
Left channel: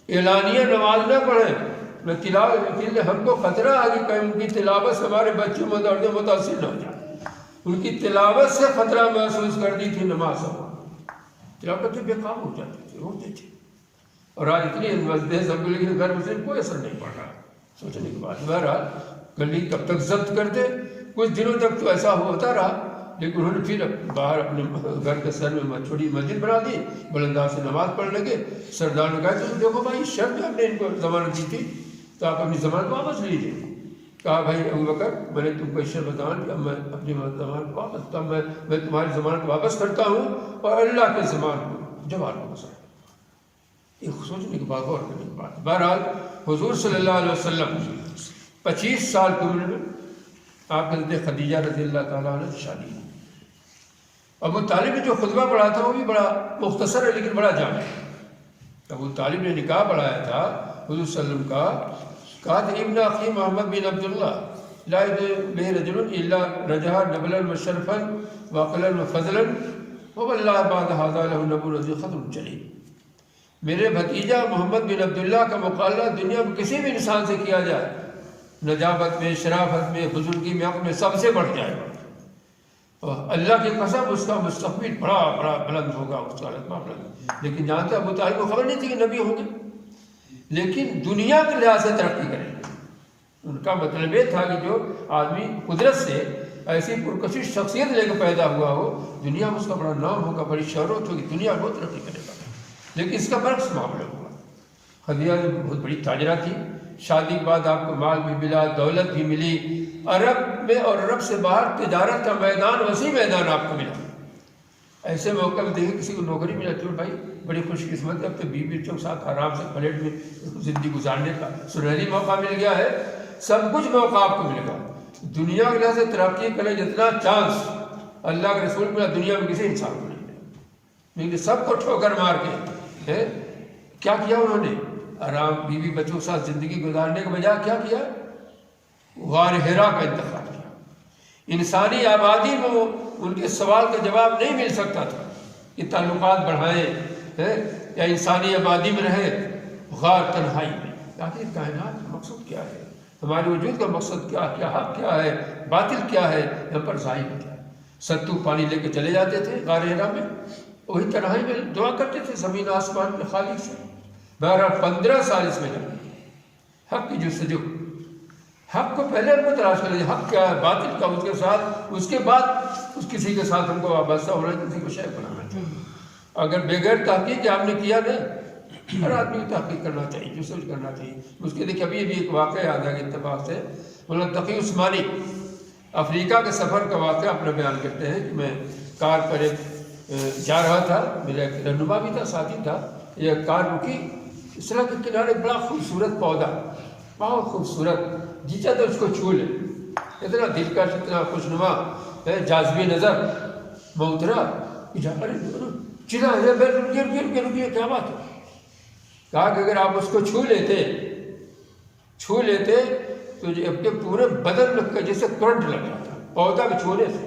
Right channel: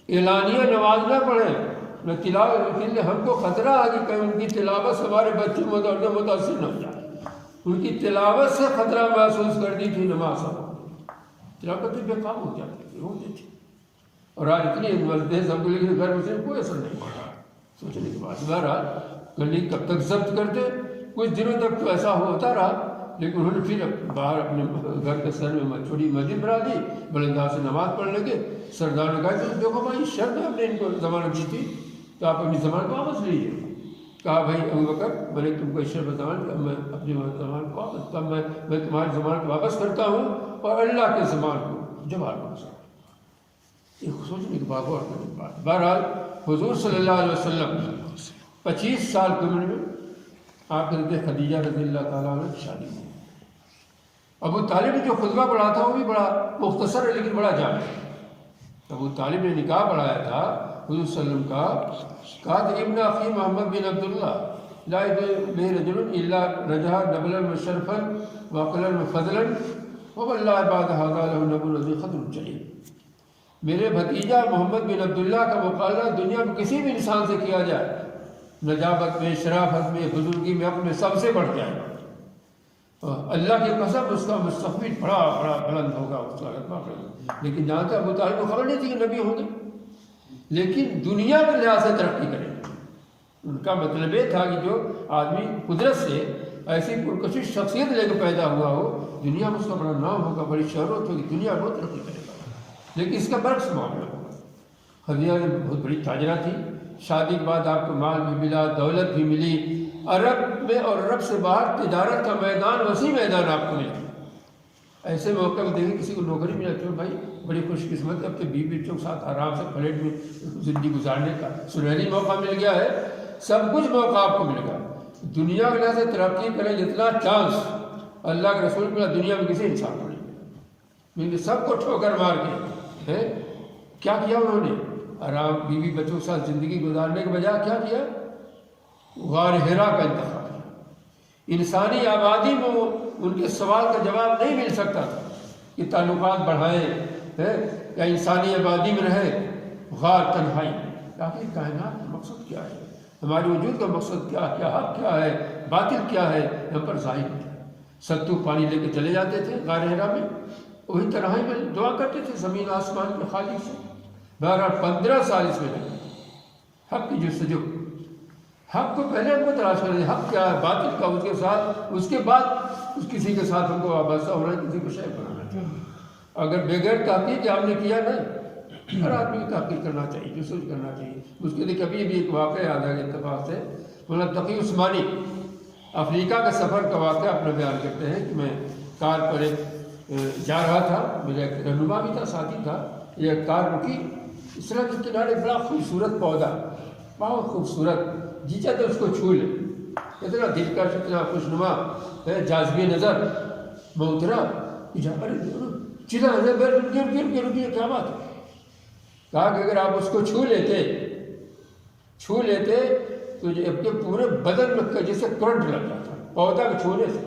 اعلانیہ نماز نہ پڑھیں؟ نہ تلاوت, ہم کو خطرہ ہے کہ کہیں ان کی تلاوت سے ہمارے بچے متاثر نہ ہو جائیں. ان کی تلاوت سے خطرہ محسوس کرتی تھی نماز, تلاوت کے بے کام ہو جاتے تھے, روتے تھے. اور آج اتنی مسجد اسمبلی کے گھر میں کوئی اثر نہیں پڑ رہا. سوچنے کے بعد بہرحال گلی کب تک ضبط کرتے, کچھ دنوں تک تو ایسا ہوتا رہا, لیکن انہوں نے پھر باہر اپنے گھر کے سر میں چھوٹی مسجد بنا دی, بلنداز سے نماز پڑھنے لگے. سردار نے کہا تو دیکھو بھائی شرط ہم نے ان کو ضمانت دی تھی تو آپ اپنی ضمانت واپس لے لیجیے. کہا بھائی ابو بکر میں نے تم کو اس شرط بتایا کہ میں اپنی ضمانت واپس, تب میں تمہاری ضمانت واپس کرتا ہوں اور اللہ کے ضمان کو جواب واپس کرتا ہوں. یہ سوچنے کی بات, غور کرنے کی بات. بہرحال حضور صلی اللہ علیہ وسلم 25 سال کی عمر میں آپ حضرت خدیجہ رضی اللہ تعالیٰ عنہ کی شادی ہوئی. ابو طالب نے جو خطبہ پڑھا تھا وہ بھی بڑا مختصر ہے لیکن بڑا جامع ہے. ابو طالب نے نکاح پڑھایا تھا حضور صلی اللہ علیہ وسلم کا. کہا کہ ابن اخی محمد بن عبداللہ, لا به رجل الا رجا نبلا مشرفا وقلا وفضلا واللہ بعد هذا له نبو الذی خضر چلی. میرے بھتیجا محمد بن عبداللہ کا مقابلہ دنیا میں کسی بھی انسان سے کیا جائے، نجابت میں، شرافت میں، بزرگی میں، اپنے سب سے بڑھ جائے. اللہ کی قسم اس کا مستقبل بڑا بڑا بلند ہوگا، اس کا رتبہ بلند. لیکن جہاں تک ابو طالب کو خبر نہیں تھی کہ نبی ہوں گے، لیکن دنیا کے لحاظ سے ترقی کریں. ان کا مطلب یہ تھا کہ جو آدمی قدرت سے ایسی پرکشش شخصیت لے کے پیدا ہوا ہو، دنیا میں اس کا بڑا نام ہوگا، بڑی شہرت ہوگی، دنیا وہ ترقی کرے گا. لیکن اس کا برعکس معاملہ ہوا. خدیجہ بہت بڑی تاجرہ تھی، شادی کے بعد آپ کو مال بھی ملا، دولت بھی ملی، عرب میں اور عرب سے باہر تجارت کا میدان، وسیع میدان آپ کو ملا. ایسے موقع میں دیکھیں کسی کو نوکری ملا تو بھائی بڑی خوش قسمت ہے، اب تو بیوی بچوں کے ساتھ آرام سے پلیٹ میں زندگی گزارنے کا سنہری موقع مل گیا ہے. سب کچھ موقع آپ کو مل گیا. دنیا میں سے ترقی کریں جتنا چانس اللہ کے رسول ملا، دنیا میں کسی انسان کو نہیں ملا. لیکن سب کو ٹھوکر مار کے کیا کیا انہوں نے؟ آرام بیوی بچوں کے ساتھ زندگی گزارنے کے بجائے کیا کیا؟ غار حرا کا انتخاب کیا. انسانی آبادی میں ان کے سوال کا جواب نہیں مل سکتا تھا کہ تعلقات بڑھائیں یا انسانی آبادی میں رہے، غار تنہائی میں. آخر کائنات کا مقصد کیا ہے؟ ہمارے وجود کا مقصد کیا ہے؟ حق کیا ہے؟ باطل کیا ہے؟ یہاں پر ظاہر کیا ہے؟ ستو پانی لے کے چلے جاتے تھے غار حرا میں، وہی تنہائی میں دعا کرتے تھے زمین آسمان کے خالق سے. بہرحال 15 سال اس میں لگے حق کی جستجو. حق کو پہلے ہم کو تلاش کریں، حق کیا ہے، باطل کا، اس کے ساتھ، اس کے بعد کسی کے ساتھ ہم کو وابستہ ہونا، کسی کو شیئر کرنا چاہیے. اگر بغیر تحقیق آپ نے کیا نا، ہر آدمی کو تحقیق کرنا چاہیے، جستجو کرنا چاہیے. اس کے لیے کبھی بھی ایک واقعہ یاد آ گیا اتفاق سے. مولانا تقی عثمانی افریقہ کے سفر کا واقعہ اپنا بیان کرتے ہیں کہ میں کار پر جا رہا تھا، میرا ایک رہنما بھی تھا، ساتھی تھا. یہ کار رکی، اس طرح کے کنارے بڑا خوبصورت پودا، بہت خوبصورت، جی چاہتا اس کو چھو لے، اتنا دلکش، اتنا خوشنما، جاذبی نظر. میں اترا، چلا رکیے کیا بات ہے؟ کہا کہ اگر آپ اس کو چھو لیتے تو آپ کے پورے بدن میں جیسے کرنٹ لگ جاتا، پودا کے چھونے سے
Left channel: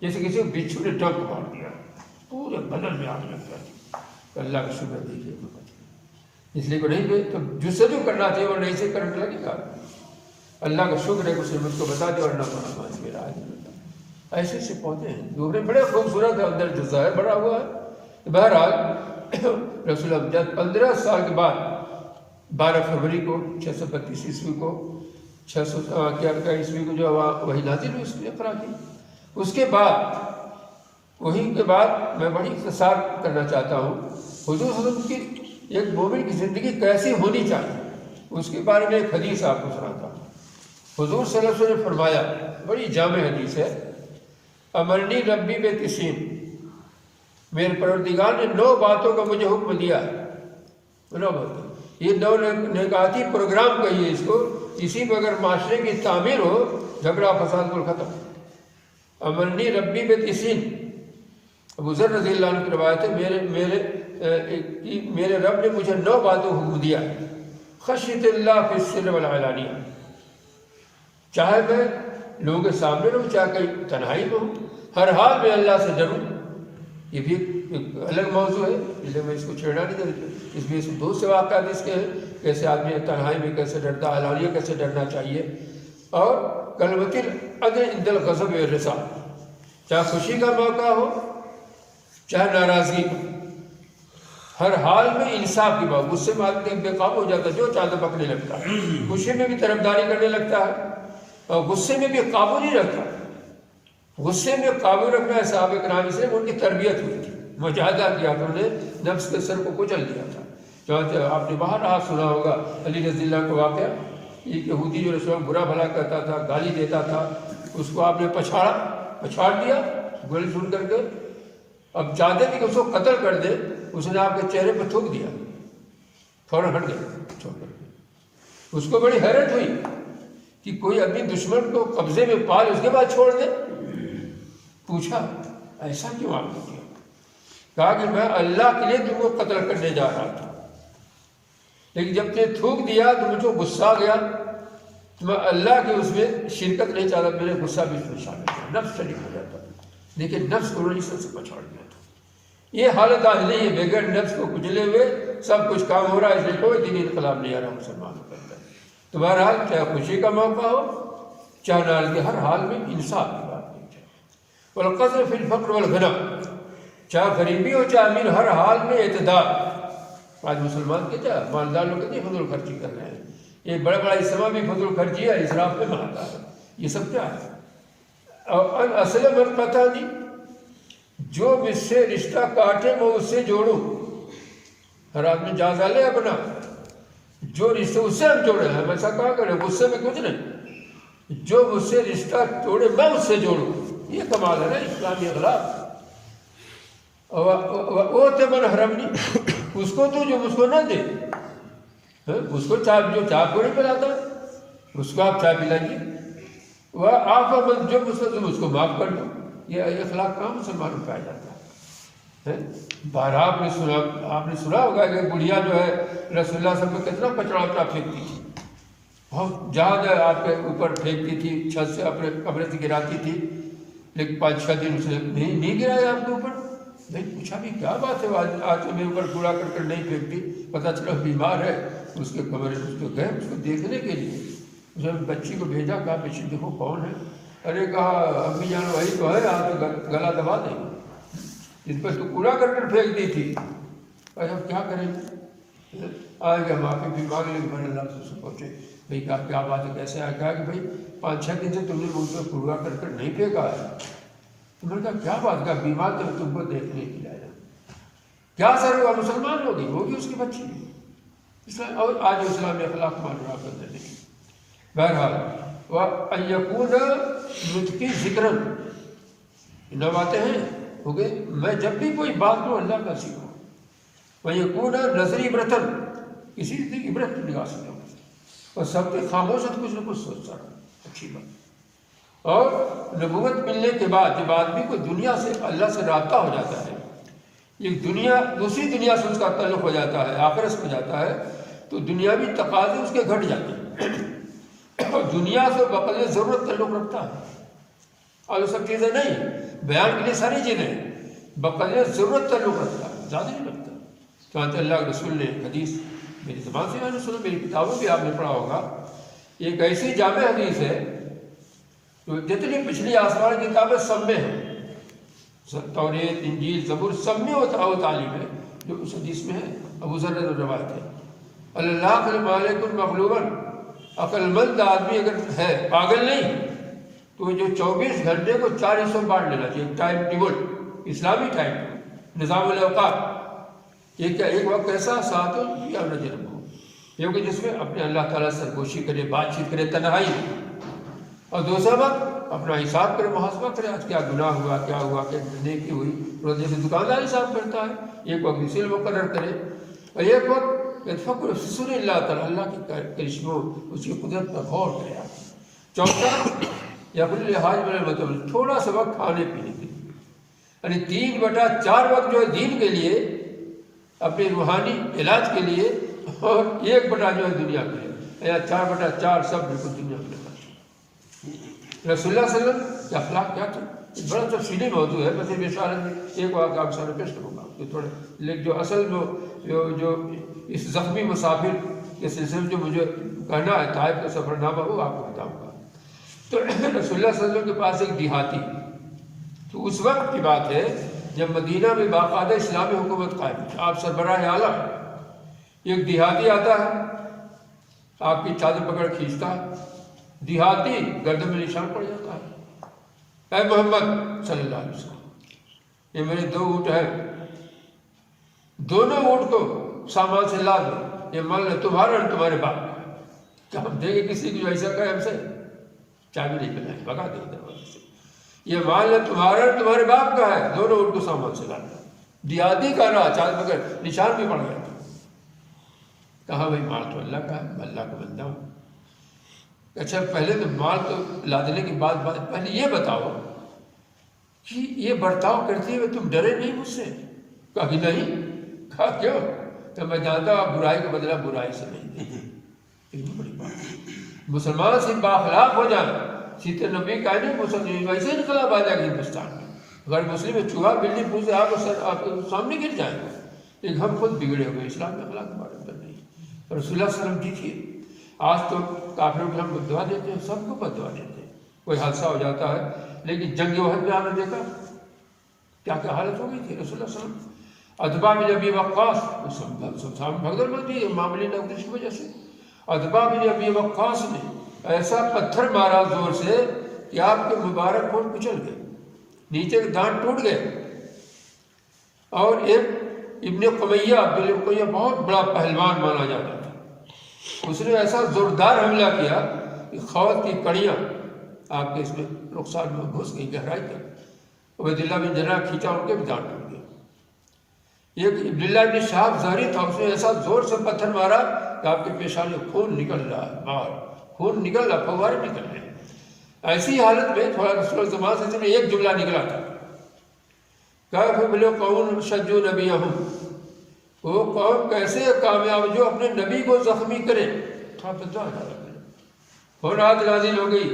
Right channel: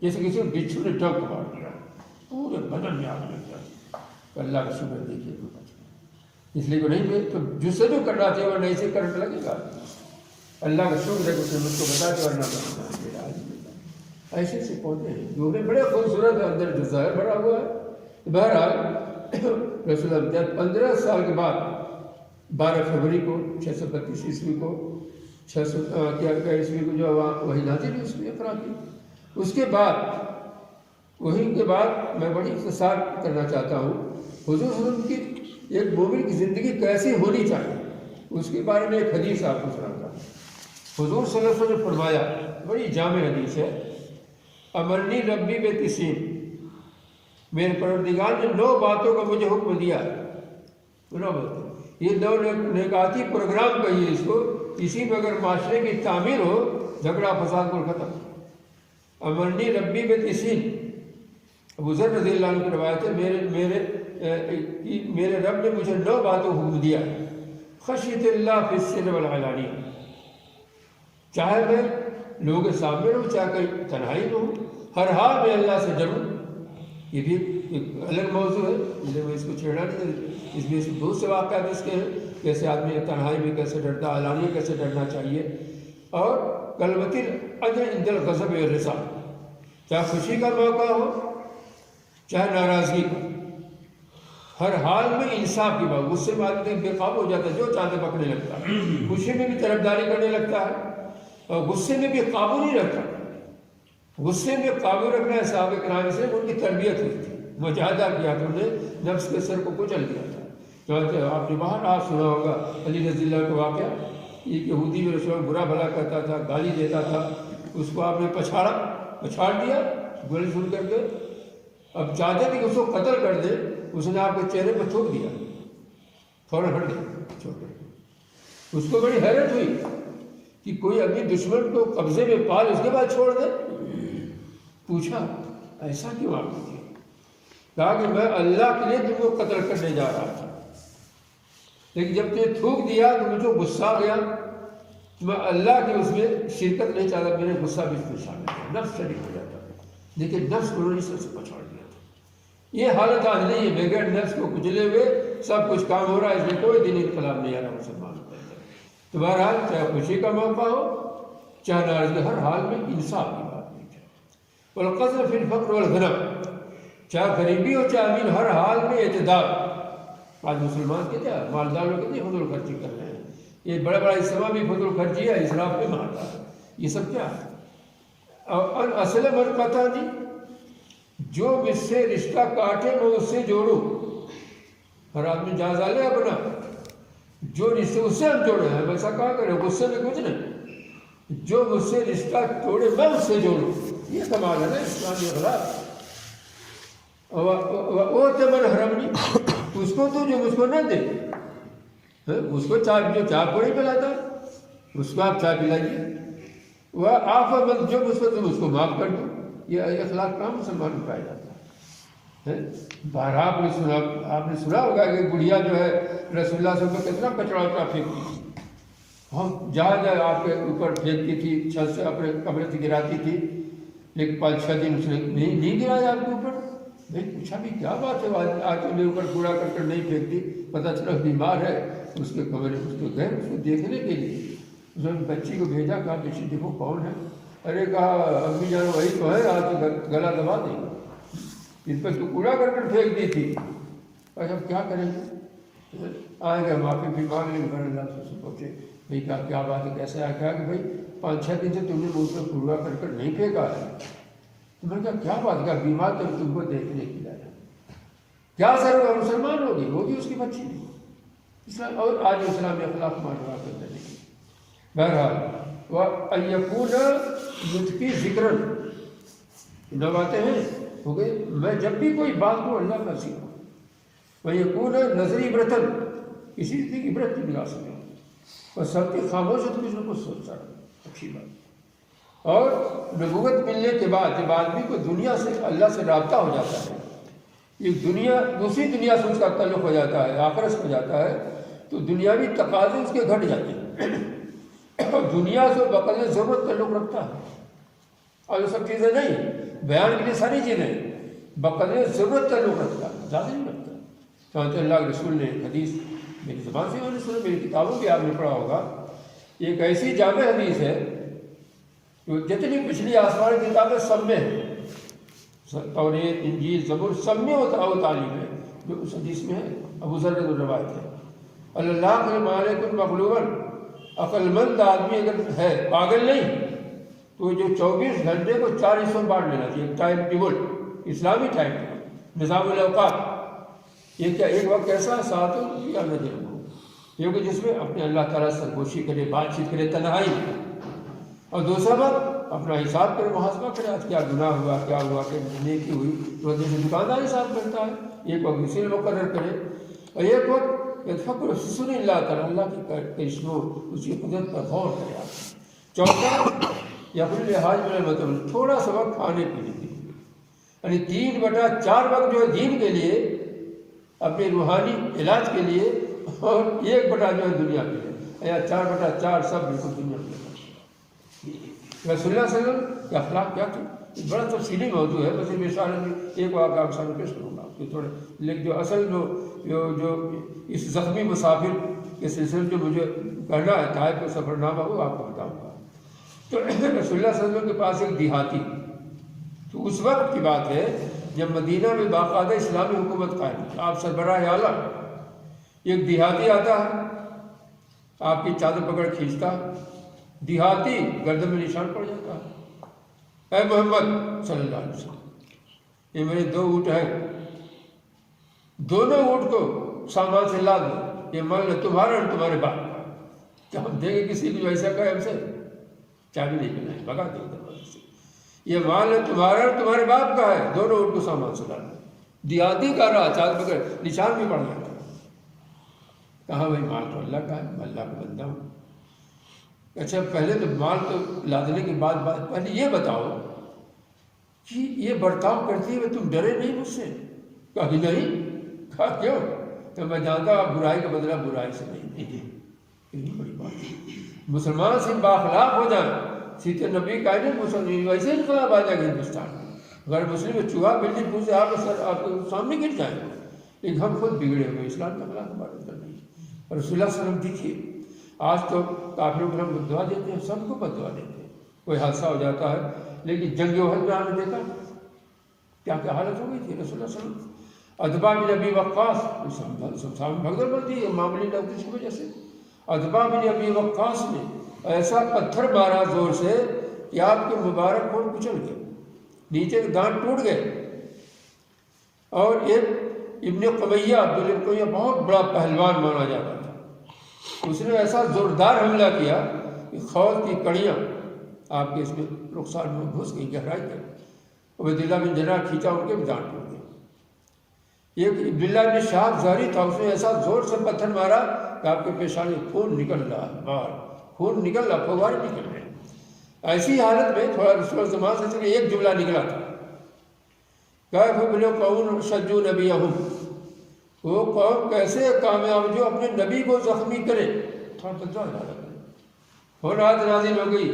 جیسے کسی بچھو نے ٹنک مار دیا، پورے بدن میں آگ لگ جاتی. اللہ کا شکر دیکھیے، اس لیے وہ نہیں گئے تو جستجو کرنا چاہیے، ورنہ ایسے کرنٹ لگے گا. اللہ کا شکر ہے کہ اسے مجھ کو بتا دے، ورنہ ایسے سے پودے ہیں دوسرے بڑے خوبصورت ہے، اندر جو ظاہر بڑا ہوا ہے. بہرحال رسول اللہ جب 15 سال کے بعد 12 فروری کو 632 عیسوی کو 600 عیسوی کو جو وہی نازل ہوئی، اس نے اقرا کی. اس کے بعد وہی کے بعد میں بڑی اختصار کرنا چاہتا ہوں. حضور صلی اللہ علیہ وسلم کی ایک مومن کی زندگی کیسی ہونی چاہیے، اس کے بارے میں ایک حدیث آپ کو سناتا ہوں. حضور صلی اللہ علیہ وسلم نے فرمایا، بڑی جامع حدیث ہے، امرنی ربی ب90، میرے پروردگار نے 9 باتوں کا مجھے حکم دیا ہے. 9 باتوں، یہ 9 نکاتی پروگرام کہیے اس کو. اسی میں اگر معاشرے کی تعمیر ہو، جھگڑا فساد کو ختم. امرنی ربی ب90، ابو ذر رضی اللہ عنہ کی روایت ہے، میرے رب نے مجھے 9 باتوں کا حکم دیا. خشیت اللہ فی السر والعلانی، چاہے میں لوگوں کے سامنے رہوں، چاہے کہیں تنہائی میں ہوں، ہر حال میں اللہ سے ڈروں. یہ بھی ایک الگ موضوع ہے، اس لیے میں اس کو چھیڑا نہیں چاہتا. اس میں 2 سے واقعات اس کے ہیں، کیسے آدمی تنہائی میں کیسے ڈرتا، علانیہ کیسے ڈرنا چاہیے. اور کلمۃ العدل عند الغضب والرضا، چاہے خوشی کا موقع ہو چاہے ناراضگی، ہر حال میں انصاف کی بات. غصے میں آدمی بے قابو ہو جاتا ہے، جو چاہتا پکڑنے لگتا ہے، خوشی میں بھی طرفداری کرنے لگتا ہے، اور غصے میں بھی قابو نہیں رکھتا. غصے میں قابو رکھنا ہے صحابہ کرام سے ان کی تربیت ہوئی تھی، مجاہدہ کیا، انہوں نے نفس کے سر کو کچل دیا تھا. آپ نے باہر آپ سنا ہوگا علی رضی اللہ کا واقعہ، ایک یہودی جو رسول برا بھلا کرتا تھا، گالی دیتا تھا، اس کو آپ نے پچھاڑ دیا گولی سن کر کے. اب چاہتے تھے کہ اس کو قتل کر دے، اس نے آپ کے چہرے پہ تھوک دیا، فوراً ہٹ گیا. اس کو بڑی حیرت ہوئی کہ کوئی اپنی دشمن کو قبضے میں پال اس کے بعد چھوڑ دے. پوچھا ایسا کیوں آپ نے کیا؟ کہا کہ میں اللہ کے لیے تم کو قتل کرنے جا رہا تھا، لیکن جب تم نے تھوک دیا تو مجھے غصہ آ گیا، تو میں اللہ کے اس میں شرکت نہیں چاہتا، میرے غصہ بھی اس میں شامل تھا، نفس شریک ہو جاتا، لیکن نفس کو نہیں سب کو چھوڑ دیا تھا۔ یہ حالت آج نہیں ہے، بغیر نفس کو کچلے ہوئے سب کچھ کام ہو رہا ہے، اس لیے کوئی دینی انقلاب نہیں آ رہا مسلمان کو۔ تو بہرحال چاہے خوشی کا موقع ہو چاہے ناراضگی، ہر حال میں انصاف کی بات نہیں ہے۔ والقصر فی الفقر والغنى، چاہے غریبی ہو چاہے امیر، ہر حال میں اعتدال۔ آج مسلمان کہتے ہیں مالدار لوگ کہتے ہیں فضول خرچی کر رہے ہیں، یہ بڑا بڑا اجتماع بھی فضول خرچی ہے، اسراف میں مانتا ہے، یہ سب کیا ہے؟ اور اصل من قطعنی، جو مجھ سے رشتہ کاٹے میں اس سے جوڑوں۔ ہر آدمی جائزہ لے اپنا، جو رشتے اس سے ہم جوڑے ہیں، ہم ایسا کہاں کریں، غصے میں کچھ نہیں، جو مجھ سے رشتہ توڑے میں اس سے جوڑوں، یہ کمال ہے نا اسلامی اخلاق۔ وہ تمن حرمنی، اس کو تو جو مجھ کو نہ دے، اس کو چائے جو چائے پوڑی پلاتا ہے اس کو آپ چائے پلائیے، وہ آپ مند جو مجھ کو معاف کر دو۔ یہ اخلاق کہاں مسلمانوں پایا جاتا ہے؟ بہر آپ نے سنا ہوگا کہ بڑھیا جو ہے رسول اللہ صلی اللہ علیہ وسلم میں کتنا کچرا وچرا پھینکتی تھی، ہم جہاں آپ کے اوپر پھینکتی تھی، چھت سے اپنے کمرے سے گراتی تھی، لیکن 5-6 دن اس نے نہیں گرایا آپ کے اوپر۔ بھائی پوچھا بھی کیا بات ہے، آج میرے اوپر کوڑا کر نہیں پھینکتی، پتہ چلا بیمار ہے، اس کے کمرے اس کو گئے اس کو دیکھنے کے لیے، اس نے بچی کو بھیجا، کہا بچی دیکھو کون ہے؟ ارے کہا امی جان وہی تو ہے، آج گلا دبا دیں، اس پر تو کوڑا کر پھینک دی تھی۔ اور اب کیا کریں گے؟ آئے گئے معافی بھی مانگ لیں، گھر اللہ سے پہنچے، بھائی کہا کیا بات ہے، کیسے آ کہا کہ بھائی 5-6 دن سے تم نے مجھ پر کوڑا کر نہیں پھینکا ہے۔ تو میں نے کہا کیا بات ہے، بیمار تو تم کو دیکھنے کے لیے آیا، کیا اثر ہوگا؟ مسلمان ہوگی، وہ بھی اس کی بچی بھی اسلام، اور آج اسلام اخلاق معلومات کرنے لگی۔ بہرحال وَأَيَّكُونَ نُطْقِ ذِكْرًا، نہ باتیں ہیں ہو گئے، میں جب بھی کوئی بات کو اللہ کا سیکھوں۔ وَيَكُونَ نَظْرِ عِبْرَةً، کسی سے عبرت کی نگاہ سے اور سب کی خاموشت کچھ نہ کچھ سوچ سکتا، اچھی بات۔ اور نبوت ملنے کے بعد جب آدمی کو دنیا سے اللہ سے رابطہ ہو جاتا ہے، ایک دنیا دوسری دنیا سے اس کا تعلق ہو جاتا ہے، آخرت سے ہو جاتا ہے، تو دنیاوی تقاضے اس کے گھٹ جاتے ہیں، اور دنیا سے بقدر ضرورت تعلق رکھتا ہے۔ اور یہ سب چیزیں نہیں، بیان کے لیے ساری چیزیں بقدر ضرورت تعلق رکھتا ہے، زیادہ نہیں رکھتا۔ تو اللہ کے رسول نے حدیث میری زبان سے میں نے سنا، میری کتابوں بھی آپ نے پڑھا ہوگا، ایک ایسی جامع حدیث ہے جو جتنی پچھلی آسمان کتابیں سب میں ہیں، توریت انجیل زبور سب میں وہ تعلیم ہے جو اس حدیث میں ہے۔ ابو ذر نے روایت ہے، اللہ مالک مغلوباً، عقل مند آدمی اگر ہے، پاگل نہیں، تو جو 24 گھنٹے کو 4 حصوں بانٹ لینا چاہیے، ٹائم ٹیبل، اسلامی ٹائم نظام الاوقات۔ یہ کیا ایک وقت ایسا ساتوں یا رجل ہو، کیونکہ جس میں اپنے اللہ تعالیٰ سے سرگوشی کرے، بات چیت کرے، تنہائی، اور دوسرا وقت اپنا حساب کرے، محاسبہ کرے، آج کیا گناہ ہوا، کیا ہوا، کہ نیکی ہوئی، روزے سے دکاندار حساب کرتا ہے، ایک وقت اسی مقرر کرے، اور ایک وقت فکر سن اللہ تعالیٰ، اللہ کے کرشموں، اس کی قدرت پر غور کرے۔ چوتھا یا پھر لحاظ میں مطلب تھوڑا سا وقت کھانے پینے کے لیے، یعنی 3/4 وقت جو ہے دین کے لیے، اپنے روحانی علاج کے لیے، اور 1 بٹا جو ہے دنیا کے لیے، یا 4/4 سب بالکل دنیا کے لیے۔ رسول اللہ صلی اللہ علیہ وسلم کے اخلاق کیا تھے، بڑا تفصیلی موضوع ہے، میں صرف اشارے میں ایک واقعہ آپ سامنے پیش کروں گا، جو تھوڑے لیکن جو اصل جو اس زخمی مسافر کے سلسلے میں جو مجھے کہنا ہے، طائف کا سفر نامہ ہو آپ کو بتاؤں گا۔ تو رسول اللہ صلی اللہ علیہ وسلم کے پاس ایک دیہاتی، تو اس وقت کی بات ہے جب مدینہ میں باقاعدہ اسلامی حکومت قائم ہے، آپ سربراہ عالم، ایک دیہاتی آتا ہے، آپ کی چادر پکڑ کھینچتا، دیہاتی گردن میں نشان پڑ جاتا ہے، اے محمد صلی اللہ علیہ وسلم، یہ میرے 2 اونٹ ہیں، دونوں اونٹ کو سامان سے لا دو، یہ مان لو تمہارا اور تمہارے باپ کا۔ کیا ہم دیں گے کسی کو جو ایسا کہے ہم سے؟ چائے بھی نہیں ملنا ہے، بھگا دیں گے۔ یہ مان لو تمہارا اور تمہارے باپ کا ہے، دونوں اونٹ کو سامان سے لانا۔ دیہاتی کا رہا، چادر پکڑ نشان بھی پڑ گیا تھا۔ کہا بھائی مال تو اللہ کا ہے، میں اللہ کا بندہ ہوں۔ اچھا پہلے تو مال تو لا دینے کی بات پہلے یہ بتاؤ کہ یہ برتاؤ کرتے ہوئے تم ڈرے نہیں مجھ سے؟ کہا کہ نہیں۔ کہا کیوں؟ کہ میں جانتا ہوں آپ برائی کا بدلہ برائی سے نہیں دیں گے، بڑی بات ہے۔ مسلمان سے باخلاق ہو جائے، سیتے نبی کا نہیں ویسے انقلاب آ جائے گا ہندوستان میں۔ اگر مسلم چوہا بلی پوچھے آپ کے سامنے گر جائے، لیکن ہم خود بگڑے ہوئے، اسلام میں اخلاق ہمارے اندر نہیں۔ رسول اللہ صلی اللہ علیہ وسلم دیکھیے، آج تو کافروں کو ہم بدعا دیتے ہیں، سب کو بدعا دیتے ہیں، کوئی حادثہ ہو جاتا ہے، لیکن جنگ احد میں آپ نے دیکھا کیا کیا حالت ہو گئی تھی رسول اللہ صلی اللہ علیہ وسلم۔ ادبا بن ابی وقاص بھگدڑ میں تھی معاملے نوش کی وجہ سے، ادبا بن ابی وقاص نے ایسا پتھر مارا زور سے کہ آپ کے مبارک پھول کچل گئے، نیچے کے دانت ٹوٹ گئے۔ اور ایک ابن قمیہ عبدالقمیہ بہت بڑا پہلوان مانا جاتا تھا، اس نے ایسا زوردار حملہ کیا کہ خوات کی کڑیاں آپ کے اس میں رخسار میں گھس گئی گہرائی تک، عبیداللہ بن جراح کھینچا، ان کے بھی دانت ٹوٹ گئے۔ ایک عبداللہ بن شہاب زہری تھا، اس نے ایسا زور سے پتھر مارا کہ آپ کے پیشانے خون نکل رہا ہے، باہر خون نکل رہا، فوارے نکل رہے ہیں۔ ایسی حالت میں تھوڑا رسول اللہ زمان سے ایک جملہ نکلا تھا، کیف بلو قوم شجوا نبیہم، وہ قوم کیسے کامیاب جو اپنے نبی کو زخمی کرے، تھوڑا بدعا جا رہا ہے۔ اور رات نازل ہو گئی،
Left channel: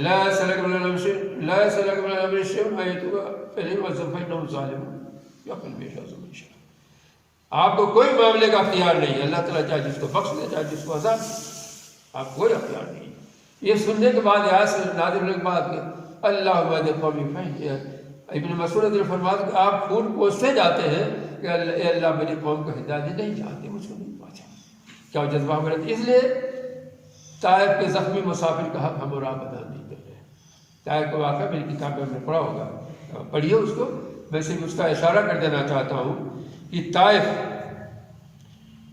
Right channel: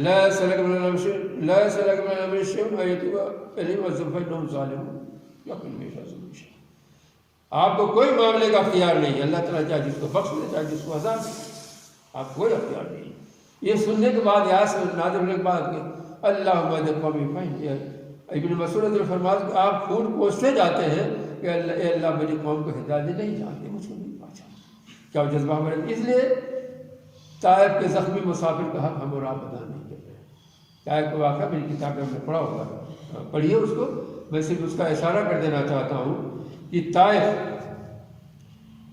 لا سلک من الامر الشیء ایتوا الیہ وظفینہم ظالم، یا قلب شاذ آپ کو کوئی معاملے کا اختیار نہیں، اللہ تعالیٰ چاہے جس کو بخش دے چاہے جس کو عذاب دے، آپ کوئی اختیار نہیں۔ یہ سننے کے بعد آیت سے نازل ہونے کے بعد اللہم اہد قومی فہم، ابن مسعود رضی اللہ عنہ فرماتے ہیں آپ خون کوستے جاتے ہیں کہ اے اللہ میری قوم کو ہدایت نہیں چاہتے، مجھ کو نہیں پہنچا، کیا جذبہ ہمارے، اس لیے طائف کے زخمی مسافر کا حق ہم اور آپ ادا نہیں کر رہے۔ طائف کا واقعہ میری کتابیں میں پڑھا ہوگا، پڑھیے اس کو، میں صرف اس کا اشارہ کر دینا چاہتا ہوں کہ طائف،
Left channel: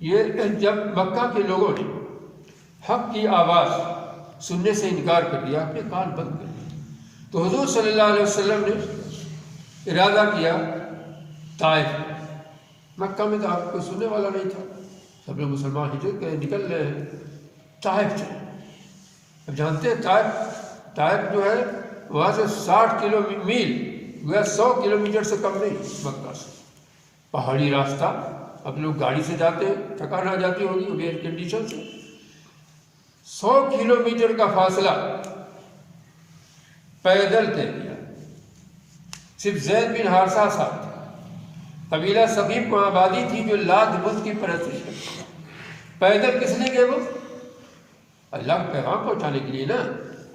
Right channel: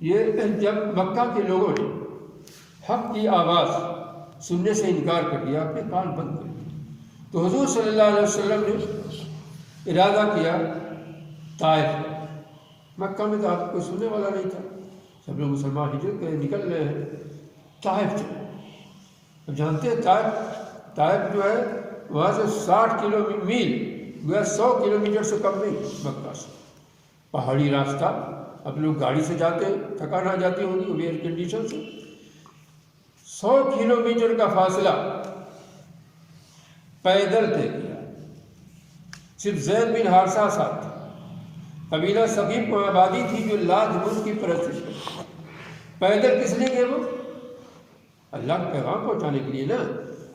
یہ جب مکہ کے لوگوں نے حق کی آواز سننے سے انکار کر دیا، اپنے کان بند کر دیے، تو حضور صلی اللہ علیہ وسلم نے ارادہ کیا طائف، مکہ میں تو آپ کو سننے والا نہیں تھا، سب لوگ مسلمان ہجرت کرے نکل رہے ہیں، طائف چلے۔ اب جانتے ہیں طائف جو ہے وہاں سے 60 میل گویا 100 کلومیٹر سے کم نہیں، مکہ سے پہاڑی راستہ، اب لوگ گاڑی سے جاتے ہیں، تھکان آ جاتی ہوگی ایئر کنڈیشن سے، 100 کلومیٹر کا فاصلہ پیدل طے کیا، صرف زید بن حارثہ صاحب، قبیلہ ثقیف کو آبادی تھی جو لات بت کی پرستش کرتی، پیدل کس لیے گئے وہ؟ اللہ کو پیغام پہنچانے کے لیے نا۔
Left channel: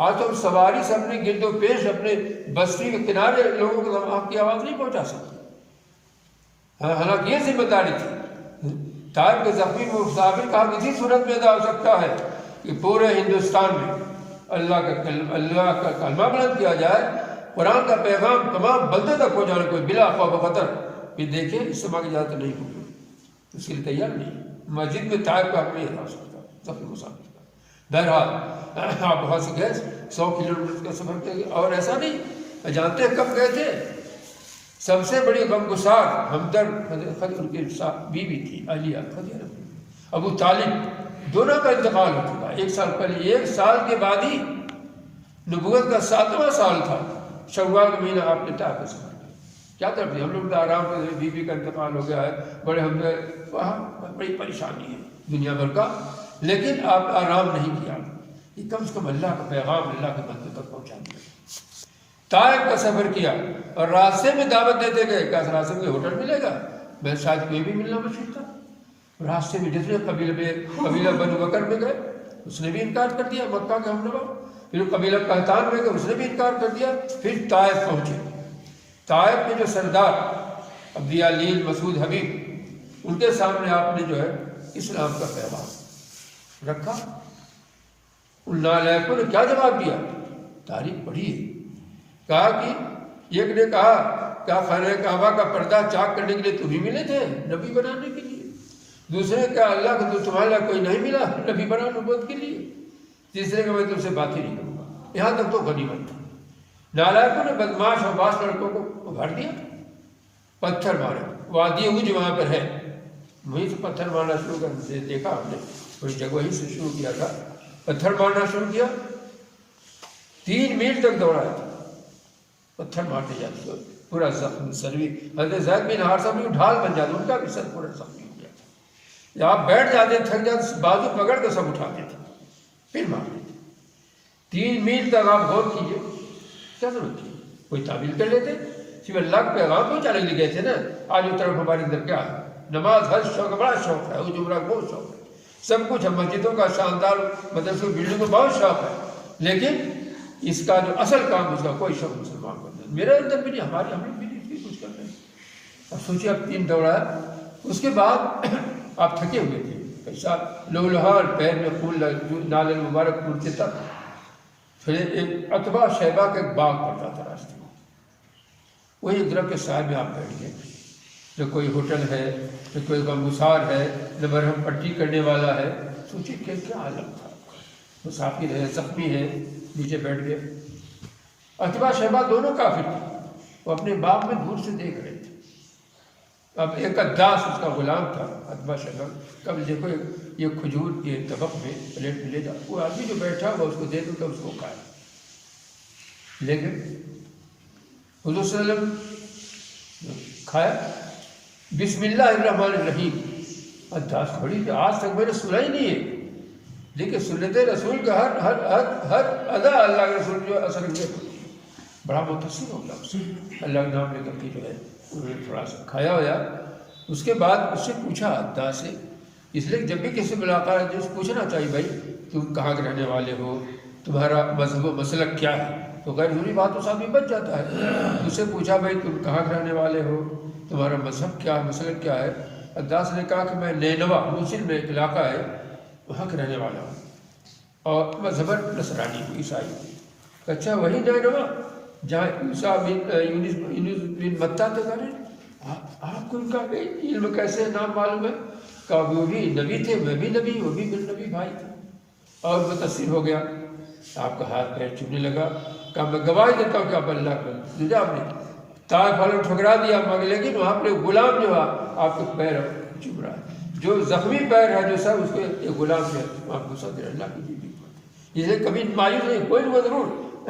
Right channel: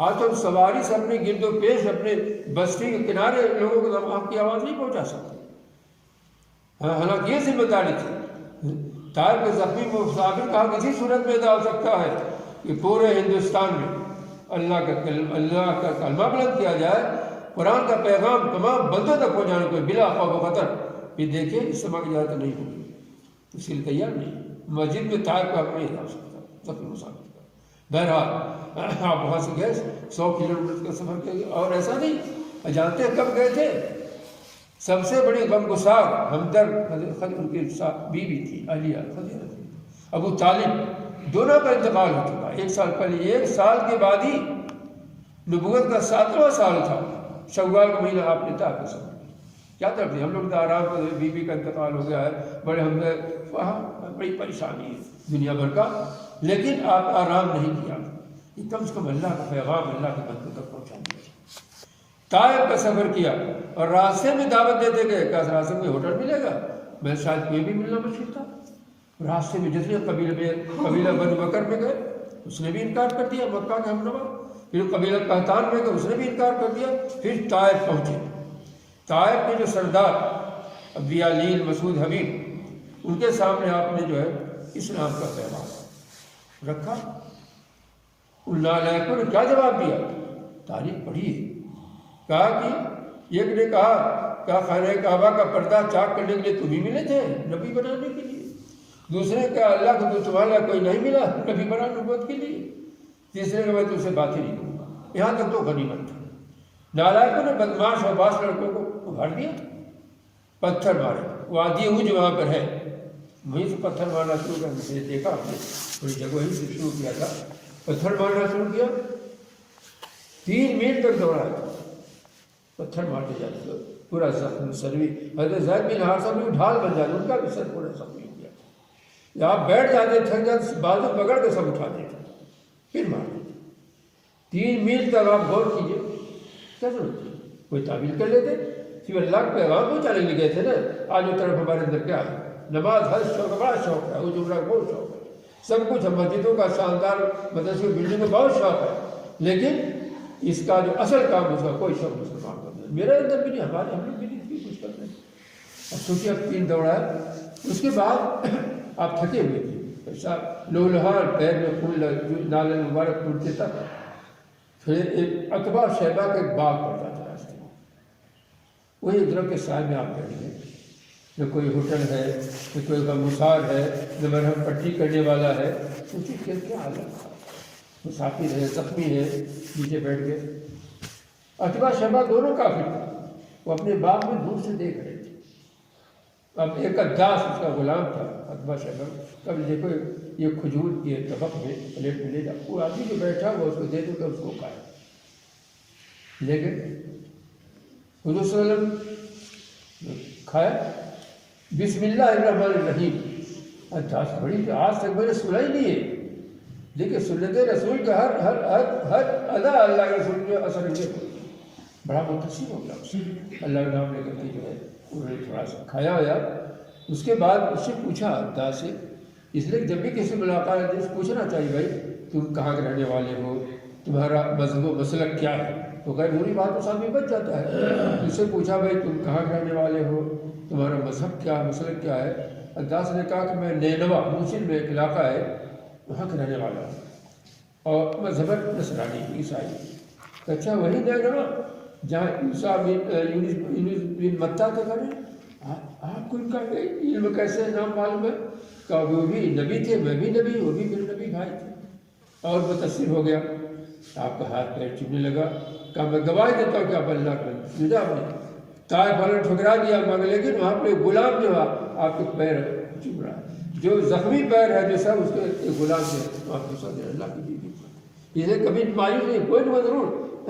آج تو سواری سے اپنے گرد و پیش اپنے بستی کے کنارے لوگوں کو آپ کی آواز نہیں پہنچا سکتے، حالانکہ یہ ذمہ داری تھی۔ طائف کے زخمی مسافر کا حق اسی صورت میں ادا ہو سکتا ہے کہ پورے ہندوستان میں اللہ کا کلمہ بلند کیا جائے، قرآن کا پیغام تمام بندوں تک پہنچانے کو بلا خوف و خطر۔ پھر دیکھیے اس سبق کی اجازت نہیں ہوگی، اس کے لیے تیار نہیں، مسجد میں طائف کا حق نہیں ادا ہو سکتا زخمی مسافر کا۔ بہرحال آپ وہاں سے گئے، 100 کلومیٹر کا سفر کیا، اور ایسا نہیں، جانتے ہیں کب گئے تھے؟ سب سے بڑی غمگسار ہمدرد ان کی بیوی تھی عالیہ خدیجہ، ابو طالب، دونوں کا انتقال ہو چکا 1 سال پہلے، 1 سال کے بعد ہی نبوت کا 7واں سال تھا، شوال کا مہینہ آپ نے طائف سے کیا کر دیا، ہم لوگ تو آرام سے، بیوی کا انتقال ہو گیا ہے، بڑے ہمدرد، وہاں بڑی پریشانی ہے دنیا بھر کا، لیکن آپ آرام نہیں کیا، کہ کم سے کم اللہ کا پیغام اللہ کے بندے تک پہنچائیے۔ طائف کا سفر کیا اور راستے میں دعوت دیتے گئے، کیا راستے میں ہوٹل ملے گا؟ میں شاید کوئی بھی ملنا مشکل تھا، راستے میں جتنے قبیلہ بنو بکر میں گئے اس نے بھی انکار کر دیا، مکہ کا ہمنوا، پھر قبیلہ قحطان میں گئے اس نے بھی انکار کر دیا، پھر طائف پہنچے۔ طائف کے جو سردار ابو یعلیل مسعود حبیب، ان کے سامنے آپ نے جو ہے اسلام کا پیغام رکھا، ان نالائقوں نے کیا جواب دیا؟ تاریخ پڑھی ہے، کہا کہ ایک نے کہا کیا خانہ کعبہ کا پردہ چاک کرنے کے لیے تمہیں ملے تھے نبی بنانے کے لیے؟ دوسرے نے کہا اللہ کو تو تمہارے لیے کوئی نہیں ملا نبی بنا نبوت کے لیے؟ تیسرے کہ میں تم سے بات ہی نہیں کروں گا، یہاں تک تو غنیمت تھی۔ نالائقوں نے بدماش اور باس لڑکوں کو ابھار دیا، پتھر مارا، وادی اوج وہاں پر ہے، وہیں سے پتھر مارنا شروع کر سے دیکھا ہم نے، تھوڑی جگہ وہیں سے شروع کیا تھا، پتھر مارنا شروع کیا، 3 میل تک دوڑا، پتھر مارتے جاتے پورا زخم سروی، حضرت زید بن حارثہ بھی ڈھال بن جاتا، ان کا بھی سر پورا زخمی ہو گیا۔ جب آپ بیٹھ جاتے تھک جاتے بازو پکڑ کے سب اٹھاتے تھے پھر مارتے تھے 3 میل تک آپ غور کیجیے کیا ضرورت ہے کوئی تعبیر کر لیتے صرف اللہ کا پیغام پہنچانے لے گئے تھے نا آج اس طرف ہمارے اندر کیا ہے نماز ہر شوق بڑا شوق ہے وہ جمعہ بہت شوق ہے سب کچھ ہے مسجدوں کا شاندار مدرسوں بلڈنگ کا بہت شوق ہے لیکن اس کا جو اصل کام اس کا کوئی شوق مسلمان کو نہیں میرے اندر بھی نہیں ہمارے ہم بھی نہیں کچھ کر رہے اب سوچیے آپ 3 دوڑا اس کے بعد آپ تھکے ہوئے تھے ایسا لوہار پیر میں پھول نالے مبارک ٹوٹتے تک پھر ایک عتبہ شیبہ کا ایک باغ پڑتا تھا راستے میں وہی ایک درخت کے سائے میں آپ بیٹھ گئے نہ کوئی ہوٹل ہے نہ کوئی غمگسار ہے نہ مرہم پٹی کرنے والا ہے سوچیے کہ کیا حالت مسافر ہے زخمی ہے نیچے بیٹھ گئے عتبہ شیبہ دونوں کافر تھے وہ اپنے باغ میں دور سے دیکھ رہے تھے اب ایک اداس اس کا غلام تھا عتبہ شیبہ کب دیکھو یہ کھجور کے طبق میں پلیٹ میں لے جاؤ وہ آدمی جو بیٹھا ہوا اس کو دے دو تو اس کو کھایا لیکن حضور صلی اللہ علیہ وسلم کھایا بسم اللہ الرحمن الرحیم اداس بڑی آج تک میں نے سنا ہی نہیں ہے لیکن سنت رسول کا ہر ادا اللہ کے رسول جو اثر بڑا متصل ہو گیا اللہ کا نام لے کر کے جو ہے انہوں نے تھوڑا سا کھایا ہوا اس کے بعد اس سے پوچھا اداس سے اس لیے جب بھی کسی ملاقات ہے پوچھنا چاہیے بھائی تم کہاں کے رہنے والے ہو تمہارا مذہب و مسلک کیا ہے تو غیر ضروری بات اس آدمی بچ جاتا ہے اس سے پوچھا بھائی تم کہاں کے رہنے والے ہو تمہارا مذہب کیا مسلک کیا ہے اداس نے کہا کہ میں نینوا موصل میں ایک علاقہ ہے وہاں کے رہنے والا ہوں اور مذہب نصرانی ہوں عیسائی اچھا وہی نینوا جہاں عیسیٰ بن متیٰ تک رہے آپ کو ان کا علم کیسے نام معلوم ہے کہ وہ بھی نبی تھے میں بھی نبی وہ بھی میرے نبی بھائی تھے اور متاثر ہو گیا آپ کا ہاتھ پیر چومنے لگا کہ میں گواہی دیتا ہوں کہ آپ اللہ کا نجات نہیں طائف والوں نے ٹھکرا دیا مگر لیکن وہاں پہ غلام جو ہے آپ کے پیر چوم رہا ہے جو زخمی پیر ہے جو سر اس کے ایک غلام ہے آپ کو صدر اللہ کی جیبی اس لیے کبھی مایوس نہیں کوئی نہیں ضرور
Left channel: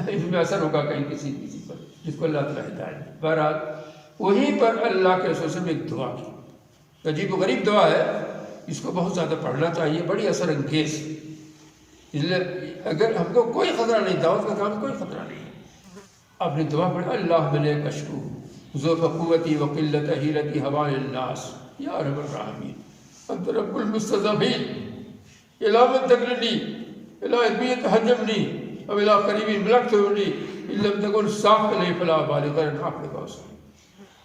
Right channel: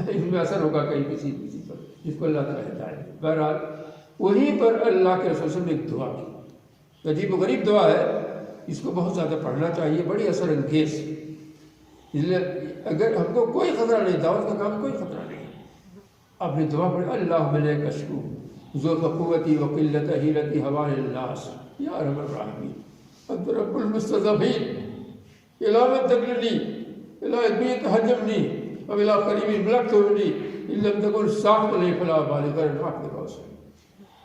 اس میں اثر ہوگا کہیں کسی پر جس کو اللہ تعالیٰ ہدایت بہرحال وہیں پر اللہ کے رسول سے ایک دعا کی عجیب و غریب دعا ہے اس کو بہت زیادہ پڑھنا چاہیے بڑی اثر انگیز اس لیے اگر ہم کو کوئی خطرہ نہیں دعوت کا کام کوئی خطرہ نہیں اپنی دعا پڑھ اللہ ملے کشکو ذوق قوتی و قلت حیلتی حوال الناس یا رب الراحمین انت رب المستضعفین علامت تقلنی الہ ادبیت حجمنی اب الہ قریبی ملک تھوڑی علم تکن صاف علیہ فلا بالی کرن حق لگا اس میں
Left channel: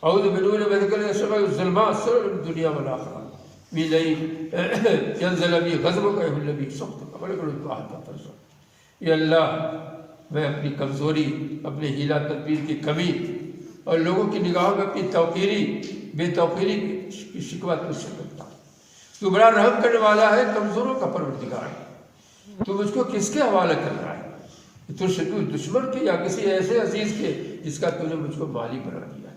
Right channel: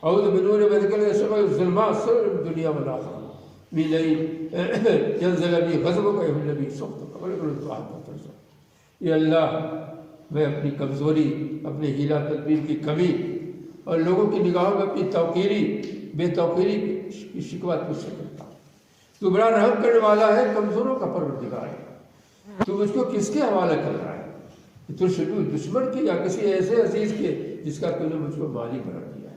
اعوذ بنور بدکل سبع الظلمات سر دنیا والآخرہ بلئی ینزل بی غضبک اے نبی صحبت ولکل دعات ترسل یا اللہ میں اپنی کمزوری اپنی ہیلہ تدبیر کی کمی اور لوگوں کی نگاہوں میں اپنی توقیری بے توقیری کی شکوہ تجھ سے کرتا ہوں تو بڑا رحم کرنے والا ہے کمزوروں کا پروردگار ہے تو مجھ کو کس کے حوالہ کر رہا ہے تجھ سے تو دشمن کے یا کسی ایسے عزیز کے جس کا تو نے مجھ کو مالک بنا دیا ہے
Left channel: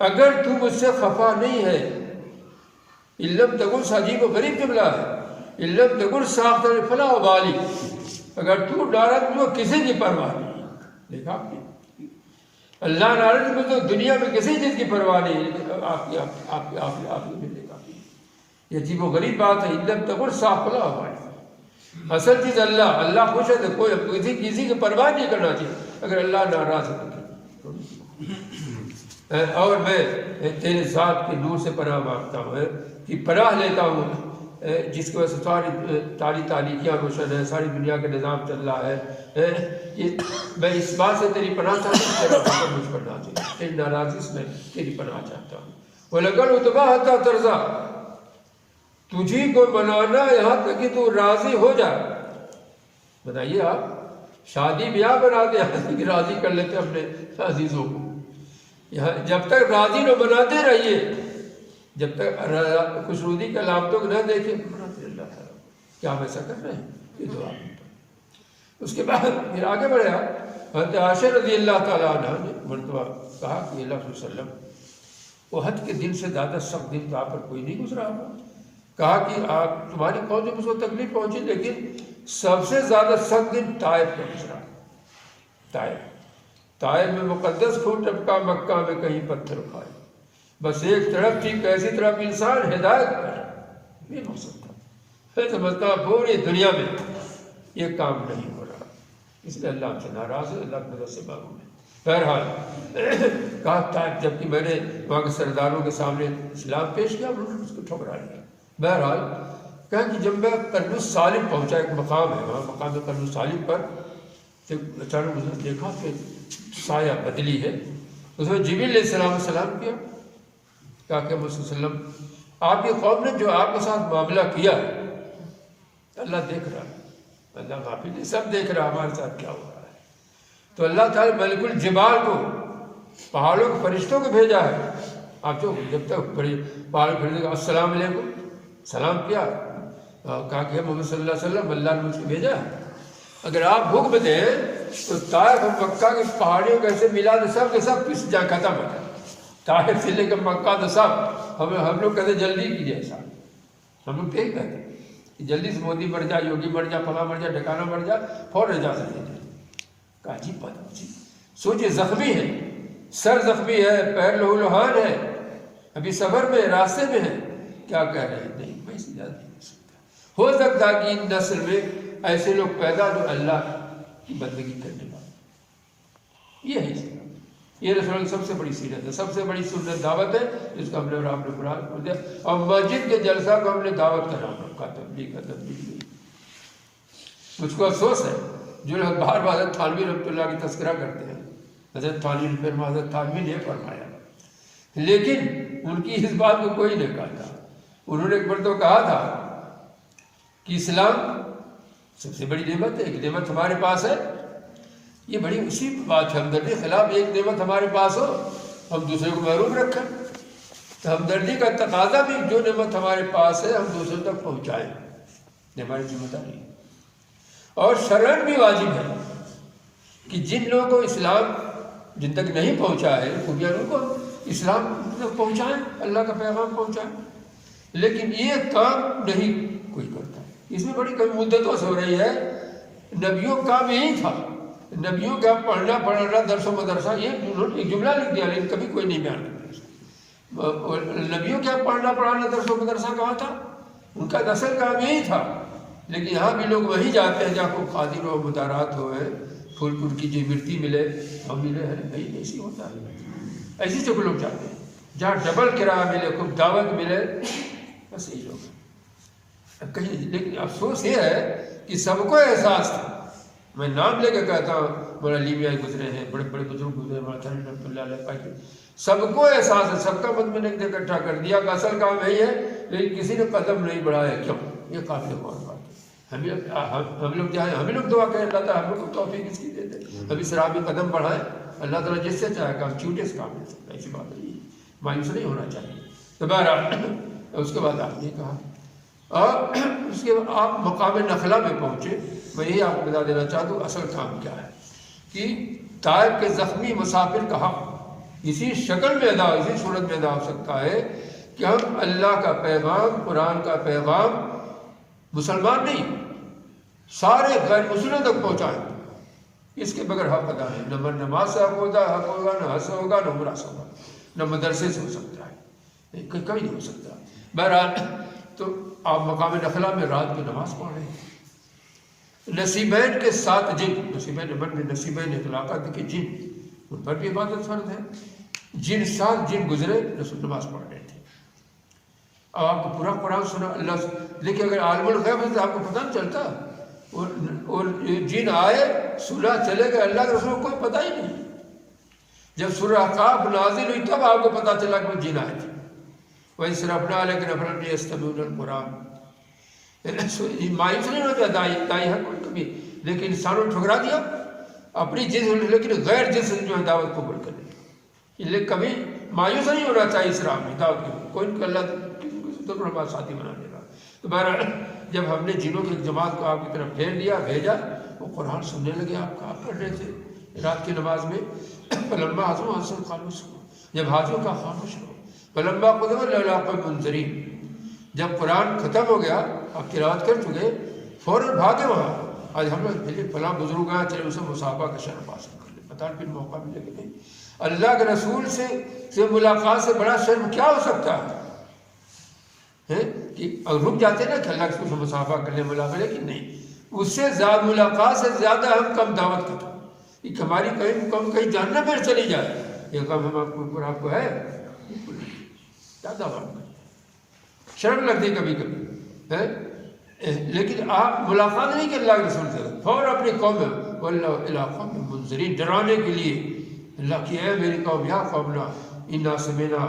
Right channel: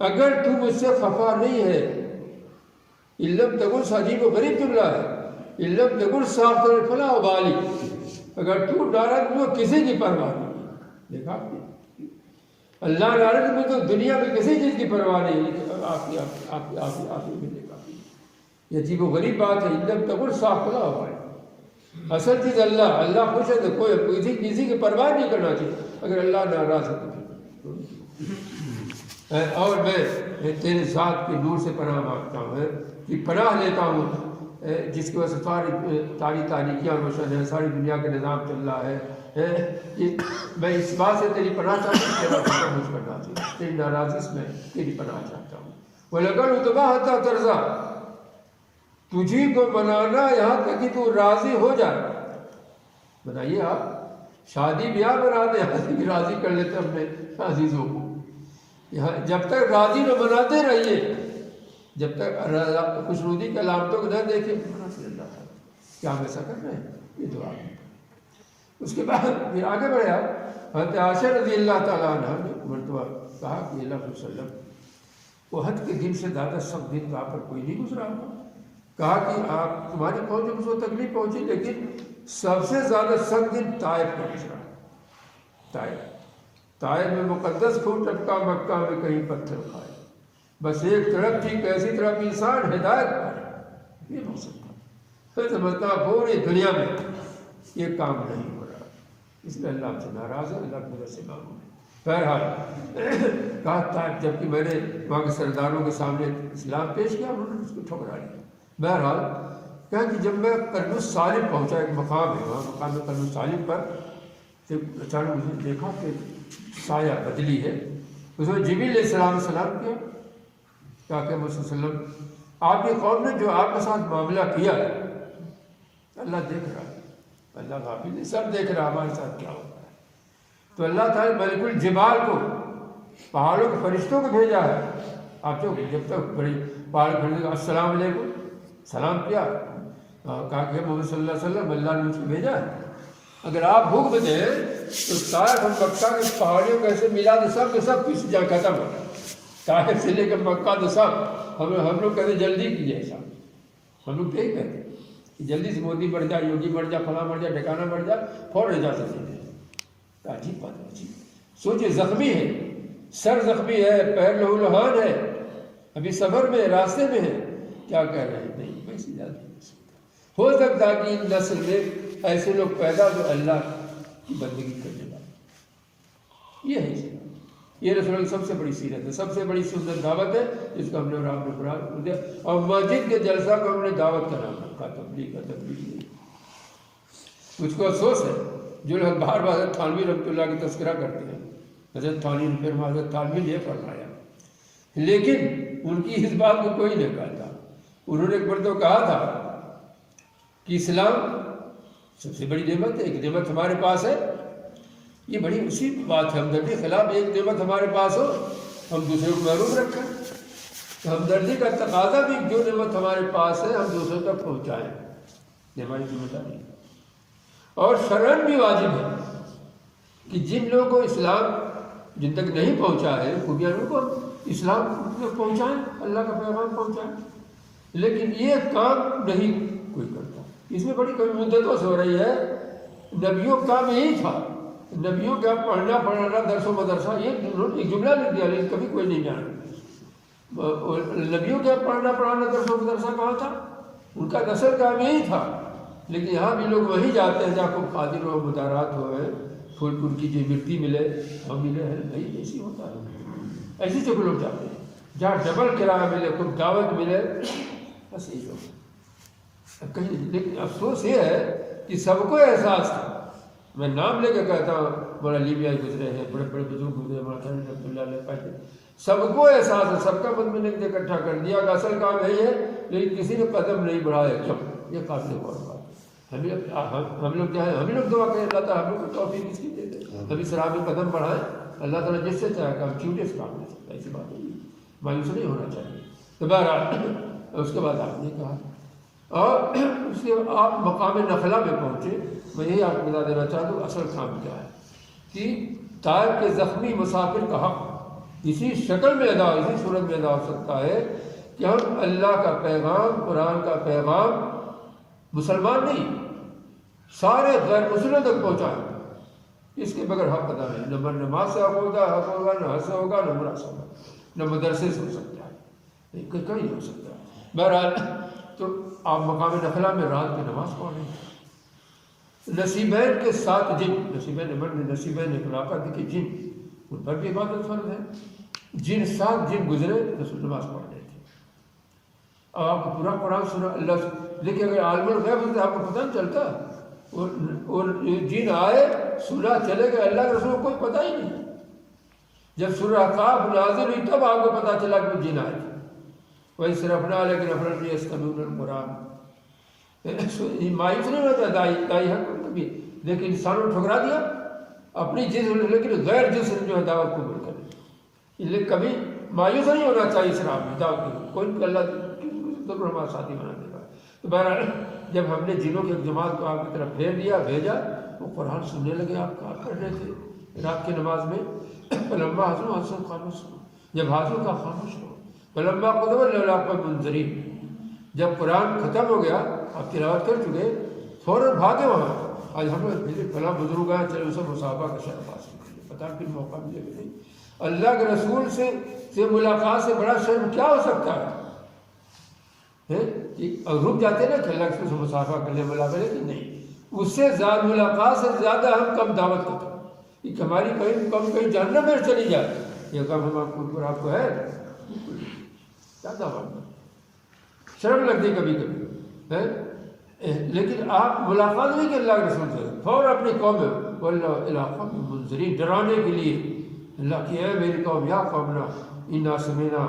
اگر تو مجھ سے خفا نہیں ہے علم تکن عجیب و غریب جملہ ہے علم تکن ساختہ فلا والی اگر تو ڈارا تو کسی کی پرواہ نہیں ہے دیکھا اللہ نارد میں تو دنیا میں کسی چیز کی پرواہ نہیں لیکن آپ نے ملنے کا یہ عجیب و غریب بات ہے علم تکن ساختہ فلا والی اصل چیز اللہ خوش ہے تو کوئی کسی کی پرواہ نہیں کرنا چاہیے اگر اللہ ناراض ہے اور میں تیرے ذات کے نور سے پناہ مانگتا ہوں کہ پناہ لیتا ہوں جس کی وجہ سے ساری تاریخیاں روشن ہے ساری دنیا کا نظام چل رہا ہے میں اس بات سے تیری پناہ چاہتا ہوں تیرا فکر مجھ پر نازل تیری ناراضی سے میں تیری پناہ چاہتا ہوں وَلَقَدْ وَتَبَاهَتَ تَرْزَا تجھی کو بنانا یہاں تک کہ تو راضی ہو جائے بتائیے آپ شادی بیاہ بناتے ہیں راضی کر لیتے اپنے عزیزوں کو یہاں جب تک راضی نہ بناتے رہیے جب تک خوشنودی کے علامتوں کو نہ دیکھیں اللہ کیا ہم ایسا کر رہے ہیں یہ دعا اس کے بعد پھر آگے بڑھا حضرت عائشہ رضی اللہ تعالیٰ عنہ نے مرتبہ کہا کہ اللہ علیہ وسلم احد کے دن سے زیادہ سخت دن آپ پر کوئی نہیں گزرا ہوا کہا کہ آپ تمہاری قوم میں مجھ کو تکلیف پہنچی لیکن سب سے زیادہ سخت دن طائف کا گزرا طائف میں مقدس خون ٹپکا مکہ میں کہیں پتھر پائے بس ایک طرف تھی کیسی طرف انسان ہدایت پائے یہ مقصد تھا. میں سمجھتا ہوں پوری دنیا میں یہ کام نہیں ہو رہا، اس لیے اللہ ہم سے ناراض ہے، اللہ کی مدد سے معلوم ہے. بہرحال کہا تھا جبکہ میں نے وہاں کے سرداروں کے سامنے اسلام پیش کیا، انہوں نے اس کو ٹھکرا لیا. بہرحال کہا کہ جب میں قرن سالم پہنچا، ایک مقام ہے وہاں، مقام قرن سالم پر اچانک مجھے دیکھا کہ سایہ بدلی ہے. اس میں جبریل علیہ السلام سلام کیا، کہا کہ محمد صلی اللہ علیہ وسلم آپ کی قوم نے جو آپ کے ساتھ معاملہ کیا اللہ دیکھ رہا ہے، اللہ غافل نہیں، سب دیکھ رہا ہمارے ساتھ کیا ہو رہا ہے. تو اللہ تعالیٰ ملک الجبال کو، پہاڑوں کے فرشتوں کو بھیجا ہے. آپ جو جب تک پہاڑ فرشتوں کو السلام علیکم سلام کیا، کہا کہ محمد صلی اللہ علیہ وسلم اللہ نے اس کو بھیجا ہے. اگر آپ حکم دیں تو طائف اور مکہ کے پہاڑیوں کو ایسے ملا دے سب کے سب کس جا ختم ہو جائے. طائف سے لے کر مکہ تو سب ہم لوگ کہتے جلدی کیجیے ایسا، ہم لوگ یہی کہتے کہ جلدی سے مودی مر جائے، یوگی مر جائے، فلاں مر جائے، ٹھکانا مر جائے، فوراً اجازت دے دیں. کہا عجیب بات ہے. سوچے زخمی ہے، سر زخمی ہے، پیر لہو لہان ہے، ابھی سفر میں راستے میں ہے، کیا کہہ رہے ہیں؟ نہیں کوئی سی اجازت نہیں ہو سکتا کہ ان نسل میں ایسے لوگ پیدا جو اللہ کی بندگی کرنے والے. یہ ہے یہ رسول کی سب سے بڑی سیرت ہے، سب سے بڑی سنت دعوت ہے جس کو ہم نے آپ نے براد دیا. اور مسجد کے جلسہ کو ہم نے دعوت کا نام رکھا، تبلیغ کا تبلیغ نہیں. مجھ کو افسوس ہے جو لوگ بار بار حضرت تھانوی رحمۃ اللہ کی تذکرہ کرتے ہیں. حضرت تھانوی نے پھر حضرت تھانوی نے فرمایا، لیکن ان کی اس بات کو کوئی نہیں کہا تھا. انہوں نے ایک بار تو کہا تھا کہ اسلام سب سے بڑی نعمت ہے، ایک نعمت ہمارے پاس ہے. یہ بڑی اسی بات ہے، ہمدردی خلاف ایک نعمت ہمارے پاس ہو ہم دوسرے کو محروم رکھیں. ہمدردی کا تقاضا بھی جو نعمت ہمارے پاس ہے ہم دوسروں تک پہنچائیں، یہ ہماری ذمہ داری ہے. اور شرعاً بھی واجب ہے کہ جن لوگوں کو اسلام جن تک نہیں پہنچا ہے خوبیاں کو اسلام تک پہنچائیں، اللہ کا پیغام پہنچائیں. لیکن یہ کام نہیں کوئی کرتا. اس میں بڑی کبھی مدتوں سے ہو رہی ہے. نبیوں کا کام یہی تھا، نبیوں کا پڑھنا پڑھانا درس و مدرسہ، ایک جملہ لکھ دیا لیکن کبھی کوئی نہیں بیان کرتا. نبیوں کا پڑھنا پڑھانا درس و مدرسہ کہاں تھا؟ ان کا اصل کام یہی تھا. لیکن یہاں بھی لوگ وہی جاتے ہیں جہاں کو قادر و مدارات ہوئے، پھول پھول کی جو مرتی ملے وہ ملے ہے. نہیں ایسی ہوتا ہے، ایسی جگہ لوگ جاتے ہیں جہاں ڈبل کرایہ ملے، خوب دعوت ملے، بس یہی لوگ کہیں. لیکن افسوس یہ ہے کہ سب کو احساس تھا. میں نام لے کے کہتا ہوں، مولانا علی میاں گزرے ہیں، بڑے بڑے بزرگ گزرے، مولانا رحمۃ اللہ علیہ پائے، سب کو احساس ہے. سب کا مت میں نے اکٹھا کر دیا کہ اصل کام یہی ہے، لیکن کسی نے قدم نہیں بڑھایا. کیوں؟ یہ قابل غور بات ہے. ہم لوگ چاہے ہم لوگ دعا کریں اللہ تعالیٰ ہم لوگ کو توفیق اس کی دے دے، ہم اس راہ میں قدم بڑھائیں. اللہ تعالیٰ جس سے چاہے کام چھوٹے سے کام لے سکتا ہے. ایسی بات نہیں، مایوس نہیں ہونا چاہیے. تو بہرحال اس کے بعد آپ نے کہا اور اس کے آپ مقام نخلا میں پہنچے. میں یہی آپ کو بتا دینا چاہتا ہوں اصل کام کیا ہے کہ طائف کے زخمی مسافر کا حق اسی شکل میں ادا، اسی صورت میں ادا ہو سکتا ہے کہ ہم اللہ کا پیغام، قرآن کا پیغام مسلمان نہیں سارے غیر مسلموں تک پہنچائیں. اس کے بغیر حق ادا ہے. نہ نماز سے حق ہوگا، نہ حج سے ہوگا، نہ عمرہ سے ہوگا، نہ مدرسے سے ہو سکتا ہے، کبھی نہیں ہو سکتا. بہرحال تو آپ مقام نخلا میں رات کی نماز پڑھ رہے ہیں. نصیبین کے 7 جن، نصیبین امن میں نصیبین اطلاقات کے جن، ان پر بھی عبادت فرض ہے. جن 7 جن گزرے رسول نماز پڑھ رہے تھے. اب آپ کو پورا قرآن سنا. اللہ سے دیکھیے اگر عالم الغیب ہے تو آپ کو پتہ نہیں چلتا. اور جن آئے سنا چلے گئے، اللہ کے رسول کو کوئی پتہ ہی نہیں. جب سورہ احقاف نازل ہوئی تب آپ کو پتہ چلا کہ وہ جن آئے تھے. وہی صرفنا لیکن افراد یستمعون القرآن. مایوس نہیں ہوتا دائی ہے کبھی، لیکن انسانوں نے ٹھکرا دیا اپنی جنس، لیکن غیر جنس جو ہے دعوت قبول کرے. اس لیے کبھی مایوس نہیں ہونا چاہیے اس راہ میں دعوت کے. کوئی اللہ دو ساتھی بنانے کا. تو بہرحال جب ہم نے جنوں کی ایک جماعت کو آپ کی طرف پھیر لیا، بھیجا، وہ قرآن سننے لگے. آپ کہا کر رہے تھے رات کی نماز میں. فلما حاضر حسن خاموش ہو، جب حاضر کا خاموش ہو. فلما قدم اللہ منظرین، جب قرآن ختم ہو گیا آپ تلاوت کر چکے، فوراً بھاگے وہاں. آج ہم نے فلاں بزرگ آیا، چلے اسے مصابہ کا شرف حاصل کر لیں. پتہ پھر موقع ملے گا نہیں. اللہ کے رسول سے ملاقات سے بڑا شرم کیا ہو سکتا ہے؟ ہے کہ رک جاتے نا کہ اللہ کے مسافہ کر لے ملاقات کی نہیں، اس سے زیادہ ملاقات سے زیادہ ہم کم دعوت کرتے ہیں کہ ہماری کہیں کم کہیں جاننا میں چلی جائے یہ کم ہم آپ کو ہے زیادہ شرم لگتی کبھی کبھی ہے، لیکن آپ ملاقات نہیں کہ اللہ کے رسول سے فوراً اپنی قوم علاقہ میں منظرین ڈرانے کے لیے اللہ کی اے میری قوم یا قومنا انا سمعنا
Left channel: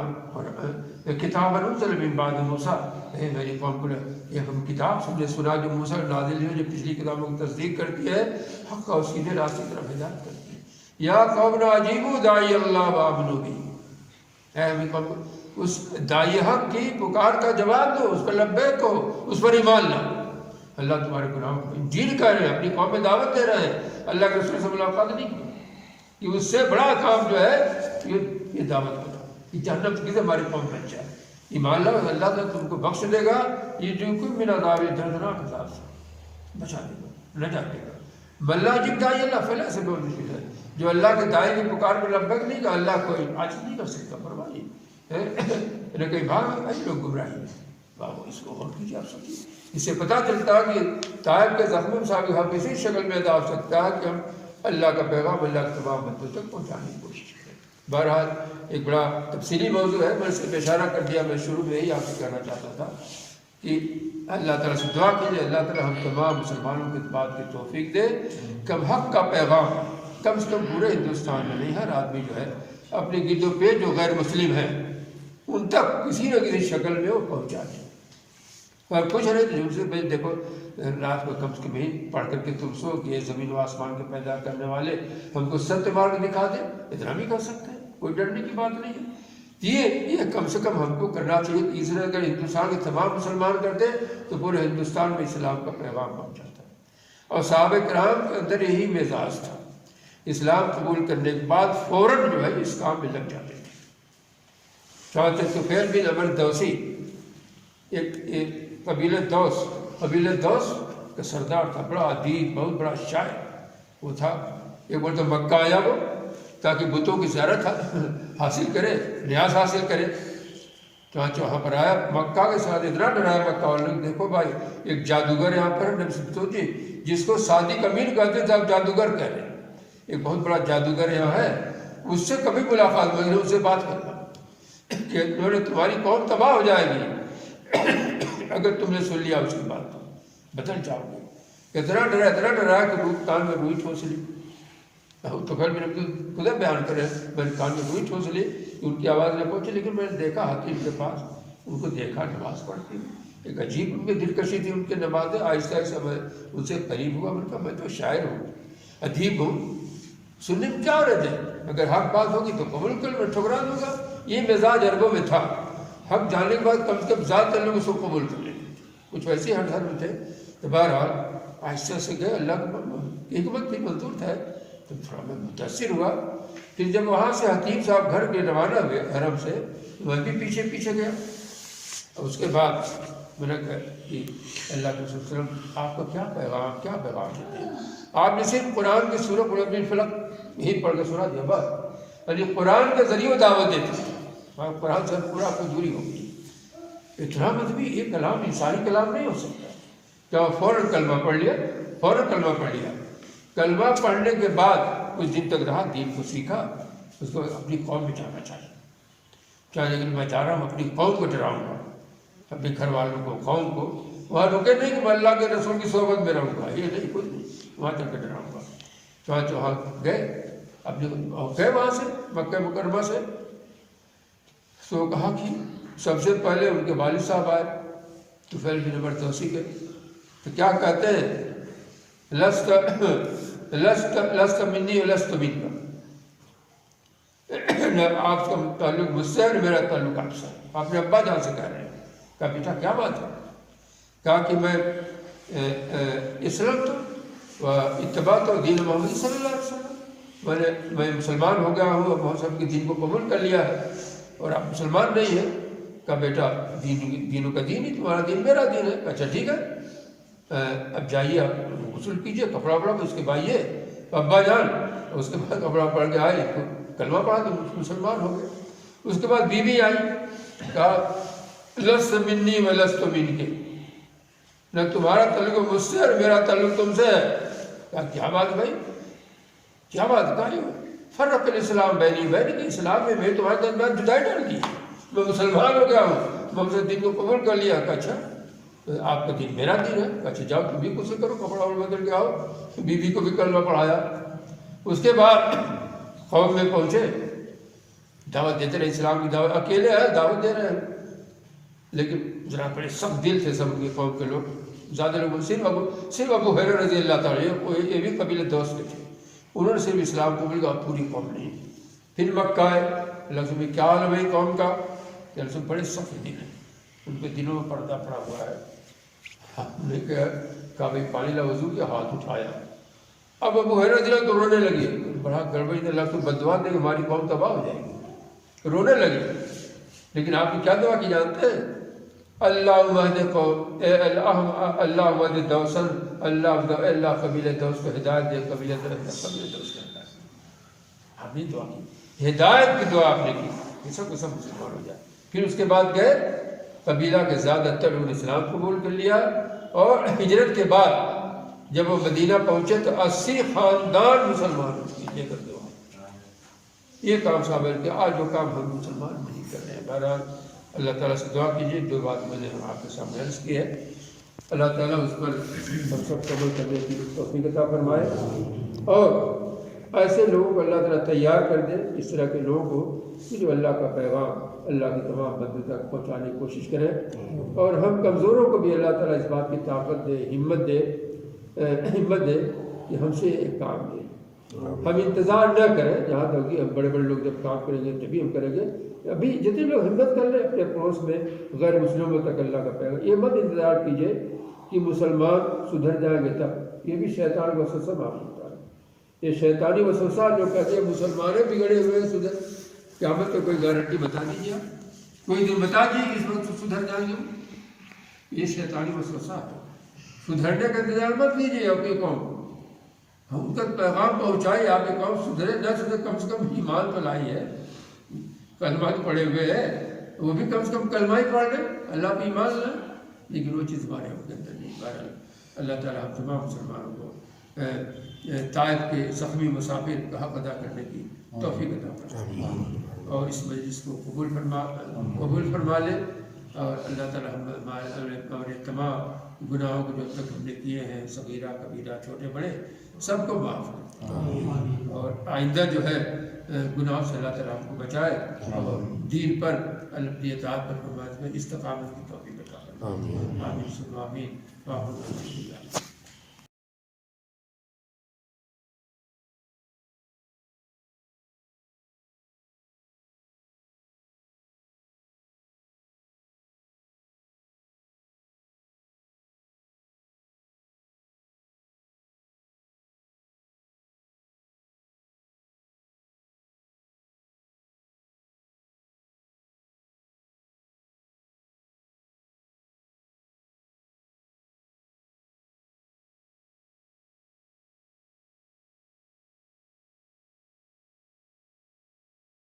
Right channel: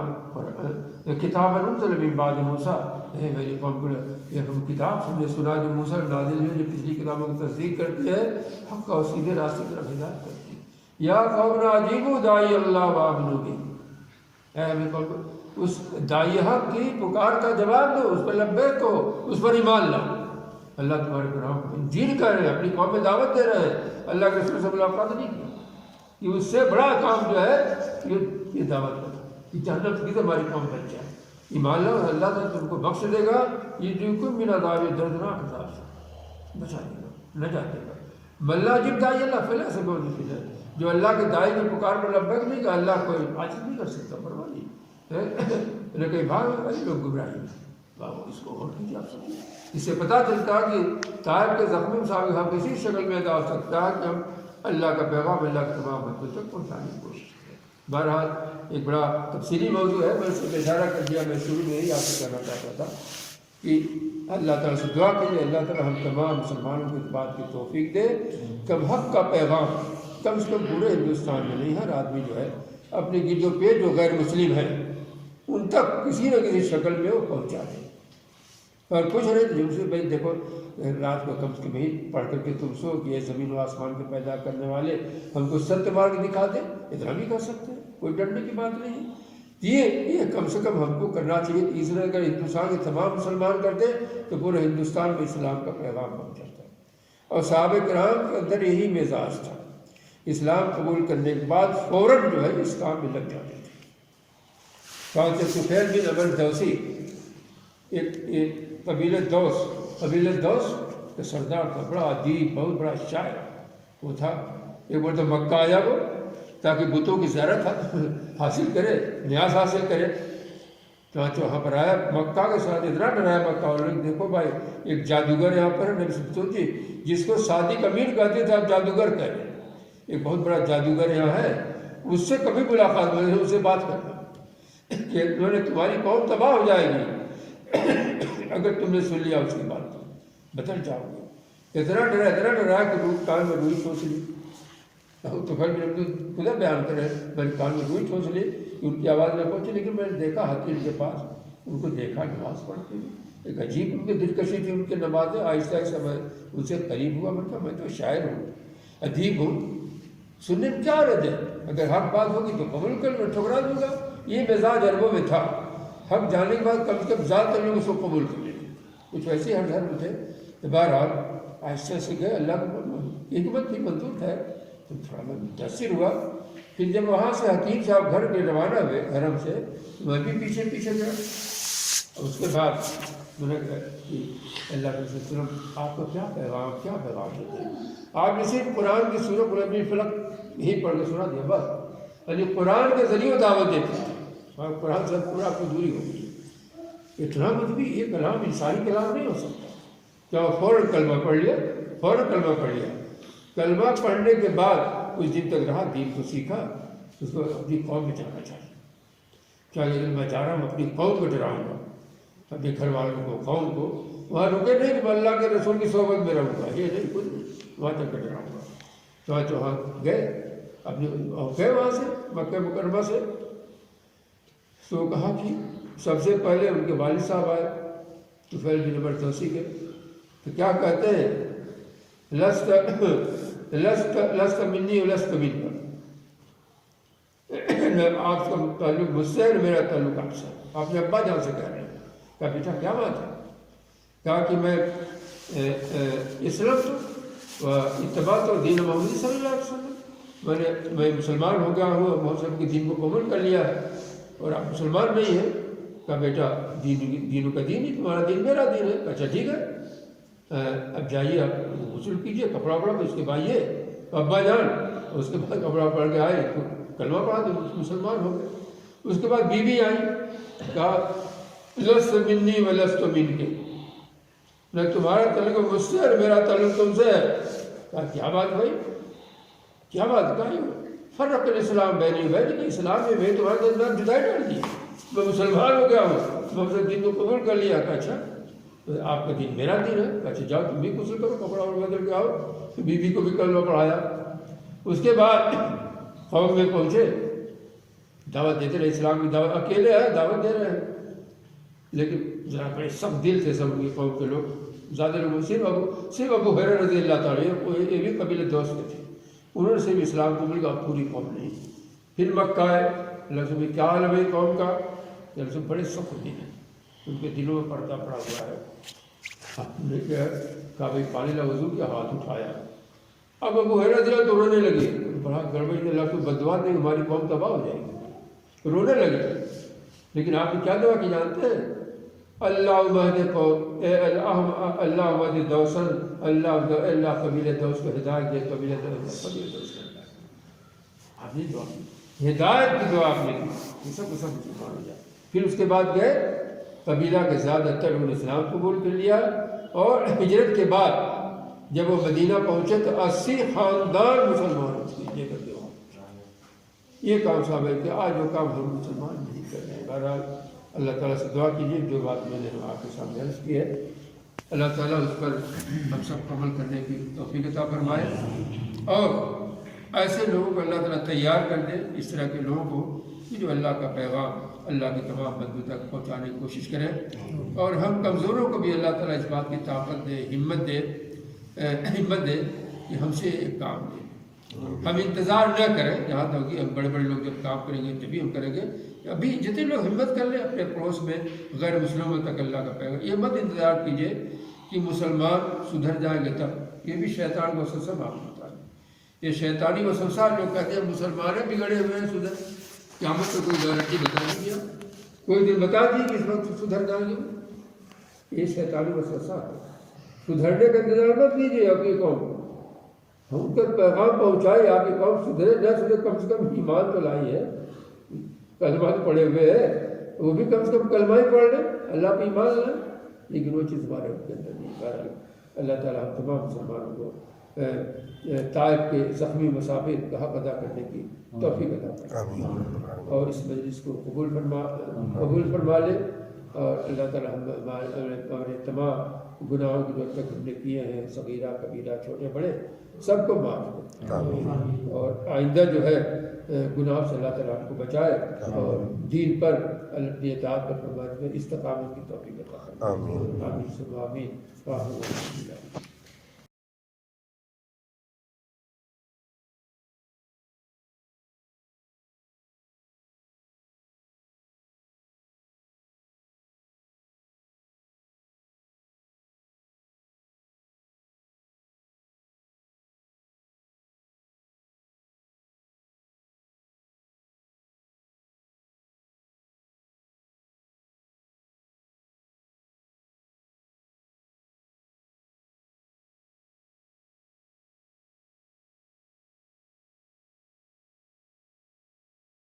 کتاب انزل من بعد موسیٰ، اے میری قوم کو یہ ہم کتاب ہم نے سنا جو موسیٰ نازل ہوئی جو پچھلی کتابوں کو تصدیق کرتی ہے، حق اور سیدھے راستے کی طرف ہدایت کرتی ہے۔ یا قومنا اجیبوا داعی اللہ وآمنوا بہ، اے ہمیں قوم اس داعی حق کی پکار کا جواب دو، اس پر لبیک کہو، اس پر ایمان لاؤ۔ اللہ تمہارے گناہوں کو انجیل کر رہے ہیں، اپنی قوم میں دعوت دے رہے ہیں، اللہ کے رسول سے ملاقات نہیں کی کہ اس سے بڑا کام جو ہے یہ دعوت کرو کہ جنت کی ہماری قوم بن جائے، ایمان لاؤ، اللہ تعالیٰ تم کو بخش دے گا، یہ جو کوئی من عذاب دردناک عذاب سے بچا دے گا، نجات دے گا۔ ملا جب داعی اللہ فلا سے بہت مشکل ہے، جو اللہ کے داعی کی پکار میں لبیک نہیں کہا اللہ کوئی عاجز نہیں کر سکتا، فرمائیے لیکن بھاگ ایسے لوگ گمراہی اس کو غور کیجیے آپ سمجھیے، اس سے پتہ چلتا کہ طائف کے زخموں سے ہم کسی شکل میں ادا ہو سکتا ہے کہ ہم اللہ کا پیغام اللہ کے تمام بندوں تک پہنچانے کی کوشش کریں۔ بہرحال ایک بڑا تفصیلی موضوع ہے، میں صرف اشارہ کر دیا، میں شروع میں یہی آپ سے کہنا چاہتا تھا کہ اللہ تعالیٰ سے دعا کیجیے اللہ تعالیٰ ہم تمام مسلمانوں کو اس بات کی توفیق دے کہ ہم حق کا پیغام کم سے کم پورے ہندوستان میں نہیں، ہر آدمی جو ہے اپنے گردوں پہ جو غیر مسلم ہیں ان تک کسی نہ کسی شکل میں وہ پہنچا دیں۔ اور کچھ رہے جن سے بھائی دیکھو رات کو کم سے کم ہی پڑھ کر کے تم سو کہ یہ زمین و آسمان کے پیدا کرنے والے ہم کو ست مار کے دکھا دیں، اتنا بھی کر سکتے ہیں، کوئی ڈرنے کی بات نہیں ہے۔ یہ کم سے کم ہم کو کرنا چاہیے کہ اسرائیل اگر ہندوستان کے تمام مسلمان کر دیں تو پورے ہندوستان میں اسلام کا پیغام پہنچ جاتا ہے۔ اور صحابہ کرام کے اندر یہی مزاج تھا، اسلام قبول کرنے کے بعد فوراً جو ہے اس کام میں لگ جاتے تھے۔ چونکہ سفیل بن عمرو دوسی ایک قبیلہ دوس کا سردار تھا، بڑا ادیب، بہت بڑا شاعر وہ تھا۔ ایک بار تو مکہ آیا وہ تاکہ بتوں کی زیارت حاصل کرے، نیاز حاصل کرے، چانچہ وہاں پر آیا، مکہ کے ساتھ اتنا ڈرایا مکہ والوں، دیکھو بھائی ایک جادوگر یہاں پر نبی صلی جی جس کو صادق امین کہتے تھے آپ جادوگر کہہ رہے ہیں، ایک بہت بڑا جادوگر یہاں ہے، اس سے کبھی ملاقات ہوئی نہیں، اس سے بات کرنا کہ انہوں نے تمہاری قوم تباہ ہو جائے گی اگر تم نے سن لیا اس کی بات تو بدل جاؤ گے۔ اتنا ڈرا کہ کان میں روئی ٹھوس لی، تو پھر میں نے خدا بیان کرے، میں نے کان میں روئی ٹھوس لی، ان کی آواز نہ پہنچی، لیکن میں نے دیکھا حکیم کے پاس، ان کو دیکھا نماز پڑھتے ہوئے، ایک عجیب ان کی دلکشی تھی ان کے نمازیں، آہستہ آہستہ میں ان سے قریب ہوا، میں نے کہا میں تو شاعر ہوں، ادیب ہوں، سننے میں کیا رد ہے، اگر حق بات ہوگی تو قبول کر میں ٹھکرا دوں گا۔ یہ مزاج عربوں میں تھا، حق جاننے کے بعد کم سے کم ذات لوگ اس کو قبول کر لیتے تھے، کچھ ویسے ہر گھر میں تھے۔ تو بہرحال آہستہ سے گئے، اللہ کو حکمت بھی منظور تھا، تو تھوڑا میں متاثر ہوا۔ پھر جب وہاں سے حکیم صاحب گھر کے روانہ ہوئے حرم سے، میں بھی پیچھے پیچھے گیا، اور اس کے بعد میں نے کہا کہ اللہ کے وسلم آپ کو کیا پیغام دیتے ہیں؟ آپ نے صرف قرآن کی سورہ قل اعوذ برب الفلق یہی پڑھ کے سنا دیا بس، یعنی قرآن کے ذریعے دعوت دیتے ہیں، قرآن سے پورا کوئی دوری ہوگی، اتنا بھی یہ کلام انسانی کلام نہیں ہو سکتا۔ کیا فوراً کلمہ پڑھ لیا، کلمہ پڑھنے کے بعد کچھ دن تک رہا، دین کو سیکھا، اس کو اپنی قوم میں جانا چاہیے، کیا لیکن میں چاہ رہا ہوں اپنی قوم کو ڈراؤں گا، اپنے گھر والوں کو، قوم کو، وہاں رکے نہیں کہ میں اللہ کے رسول کی صحبت میں رہوں گا، یہ نہیں، کچھ نہیں، وہاں تک کے ڈراؤں گا۔ چانچہ وہاں گئے، اپنے گئے وہاں سے مکہ مکرمہ سے، تو کہا کہ سب سے پہلے ان کے والد صاحب آئے، طفیل بن عمرو دوسی کے، تو کیا کہتے ہیں، لست منی ولست منک، آپ کا تعلق مجھ سے اور میرا تعلق آپ سے، اپنے ابا جان سے کہہ رہے ہیں۔ کہا بیٹا کیا بات ہے؟ کہا کہ میں اسلام تو اتباع تو دین محمد صلی اللہ علیہ وسلم، میں مسلمان ہو گیا ہوں، محمد کے دین کو قبول کر لیا ہے، اور آپ مسلمان نہیں ہیں۔ کہا بیٹا دینوں کا دین ہی تمہارا دین میرا دین ہے۔ اچھا ٹھیک ہے، اب جائیے آپ غسل کیجیے، کپڑا پڑا تو اس کے بھائیے ابا جان، اس کے بعد کپڑا پڑھ کے آئے، کلمہ پڑھا تو مسلمان ہو گئے۔ اس کے بعد بیوی آئی، کہا لست منی و لست منک، نہ تمہارا تعلق مجھ سے اور میرا تعلق تم سے ہے۔ کہا کیا بات بھائی، کیا بات کہی؟ فرق الاسلام بینی بینک، اسلام میں میں تمہارے درمیان جدائی ڈال دی، میں مسلمان ہو گیا ہوں، میں اسے دین کو قبول کر لیا۔ کہا اچھا آپ کا دین میرا دین ہے؟ کہا اچھا جاؤ تم بھی غسل کرو، کپڑا اور بدل کے آؤ۔ بیوی کو بھی کلمہ پڑھایا۔ اس کے بعد قوم میں پہنچے، دعوت دیتے رہے، اسلام کی دعوت، اکیلے ہیں دعوت دے رہے ہیں، لیکن ذرا بڑے سخت دل تھے سب کی قوم کے لوگ، زیادہ لوگ صرف ابو ہریرہ رضی اللہ تعالیٰ یہ بھی قبیلہ دوست کے تھے، انہوں نے صرف اسلام قبول کیا، پوری قوم نہیں۔ پھر مکہ آئے، اللہ سے کیا حال ہے بھائی قوم کا؟ اللہ سے بڑے سخت دل ہیں، ان کے دلوں میں پردہ پڑا ہوا ہے۔ ہم نے کہا بھائی پانی لا وضو کیا، ہاتھ اٹھایا۔ اب ابو ہریرہ رضی اللہ تو رونے لگے، بڑا گڑبڑ، اللہ کو بددعا دیں ہماری قوم تباہ ہو جائے گی، رونے لگے۔ لیکن آپ نے کیا دعا کی جانتے ہیں؟ اللہ مہد قوم، اللہ مہد دوسن، اللہ قبیلہ دوس کو ہدایت دے، قبیلہ دوس کو ہدایت۔ آپ نے دعا کی، ہدایت کی دعا آپ نے کی، سب کو سب مسلمان ہو جائے۔ پھر اس کے بعد گئے قبیلہ کے زیادہ تر انہوں نے اسلام قبول کر لیا، اور ہجرت کے بعد جب وہ مدینہ پہنچے تو 80 خاندان مسلمان لے کر دو۔ یہ کام صاحب کہ آج وہ کام ہم مسلمان نہیں کر رہے ہیں۔ بہرحال اللہ تعالیٰ سے دعا کیجیے، جو بات میں نے آپ کے سامنے عرض کی ہے، اللہ تعالیٰ اس پر ہم سب کو عمل کرنے کی توفیق عطا فرمائے، اور ایسے لوگوں کو اللہ تعالیٰ تیار کر دے، اس طرح کے لوگوں کو کہ جو اللہ کا پیغام اللہ کی تمام بندوں تک پہنچانے کی کوشش کریں، اور ہم کمزوروں کو بھی اللہ تعالیٰ اس بات کی طاقت دے، ہمت دے کہ ہم سے ایک کام لے۔ ہم انتظار نہ کریں جہاں تک کہ بڑے بڑے لوگ جب کام کریں گے تبھی ہم کریں گے، ابھی جتنے لوگ ہمت کر لیں اپنے پڑوس میں غیر مسلموں تک اللہ کا پیغام، یہ مت انتظار کیجیے کہ مسلمان سدھر جائیں گے تب، یہ بھی شیطان کا وسوسہ معاف ہوتا ہے۔ یہ شیطانی وسوسہ جو کہتے ہیں مسلمانیں بگڑے ہوئے ہیں سدھر، قیامت کو کوئی گارنٹی بتا دیجیے، کوئی دن بتا دیجیے کہ اس وقت سدھر جائیں گے، یہ شیطانی وسوسہ ہے۔ سدھرنے کا انتظار مت کیجیے، آپ کی قوم ہم تک پیغام پہنچائے، آپ کی قوم سدھرے نہ سدھرے، کم سے کم ایمان تو لائی ہے، کلمہ تو پڑھے ہوئے ہیں، وہ بھی کم سے کم کلمہ ہی پڑھ لیں، اللہ پہ ایمان لائیں، لیکن وہ چیز ہمارے کے اندر نہیں۔ بہرحال اللہ تعالیٰ ہم تمام مسلمانوں کو طائف کے زخمی مسافر کا حق ادا کرنے کی توفیق عطا فرمائے، اور اس مجلس کو قبول فرما لے، اور اللہ تعالیٰ ہمارے تمام گناہوں کو جو تک ہم نے کیے ہیں، صغیرہ کبیرہ چھوٹے بڑے، سب کو معاف کرے، اور آئندہ جو ہے گناہوں سے اللہ تعالیٰ ہم کو بچائے، اور دین پر اپنی اطاعت پر فرمائے، استقامت کی توفیق عطا فرمائے۔ آمین۔ آمین۔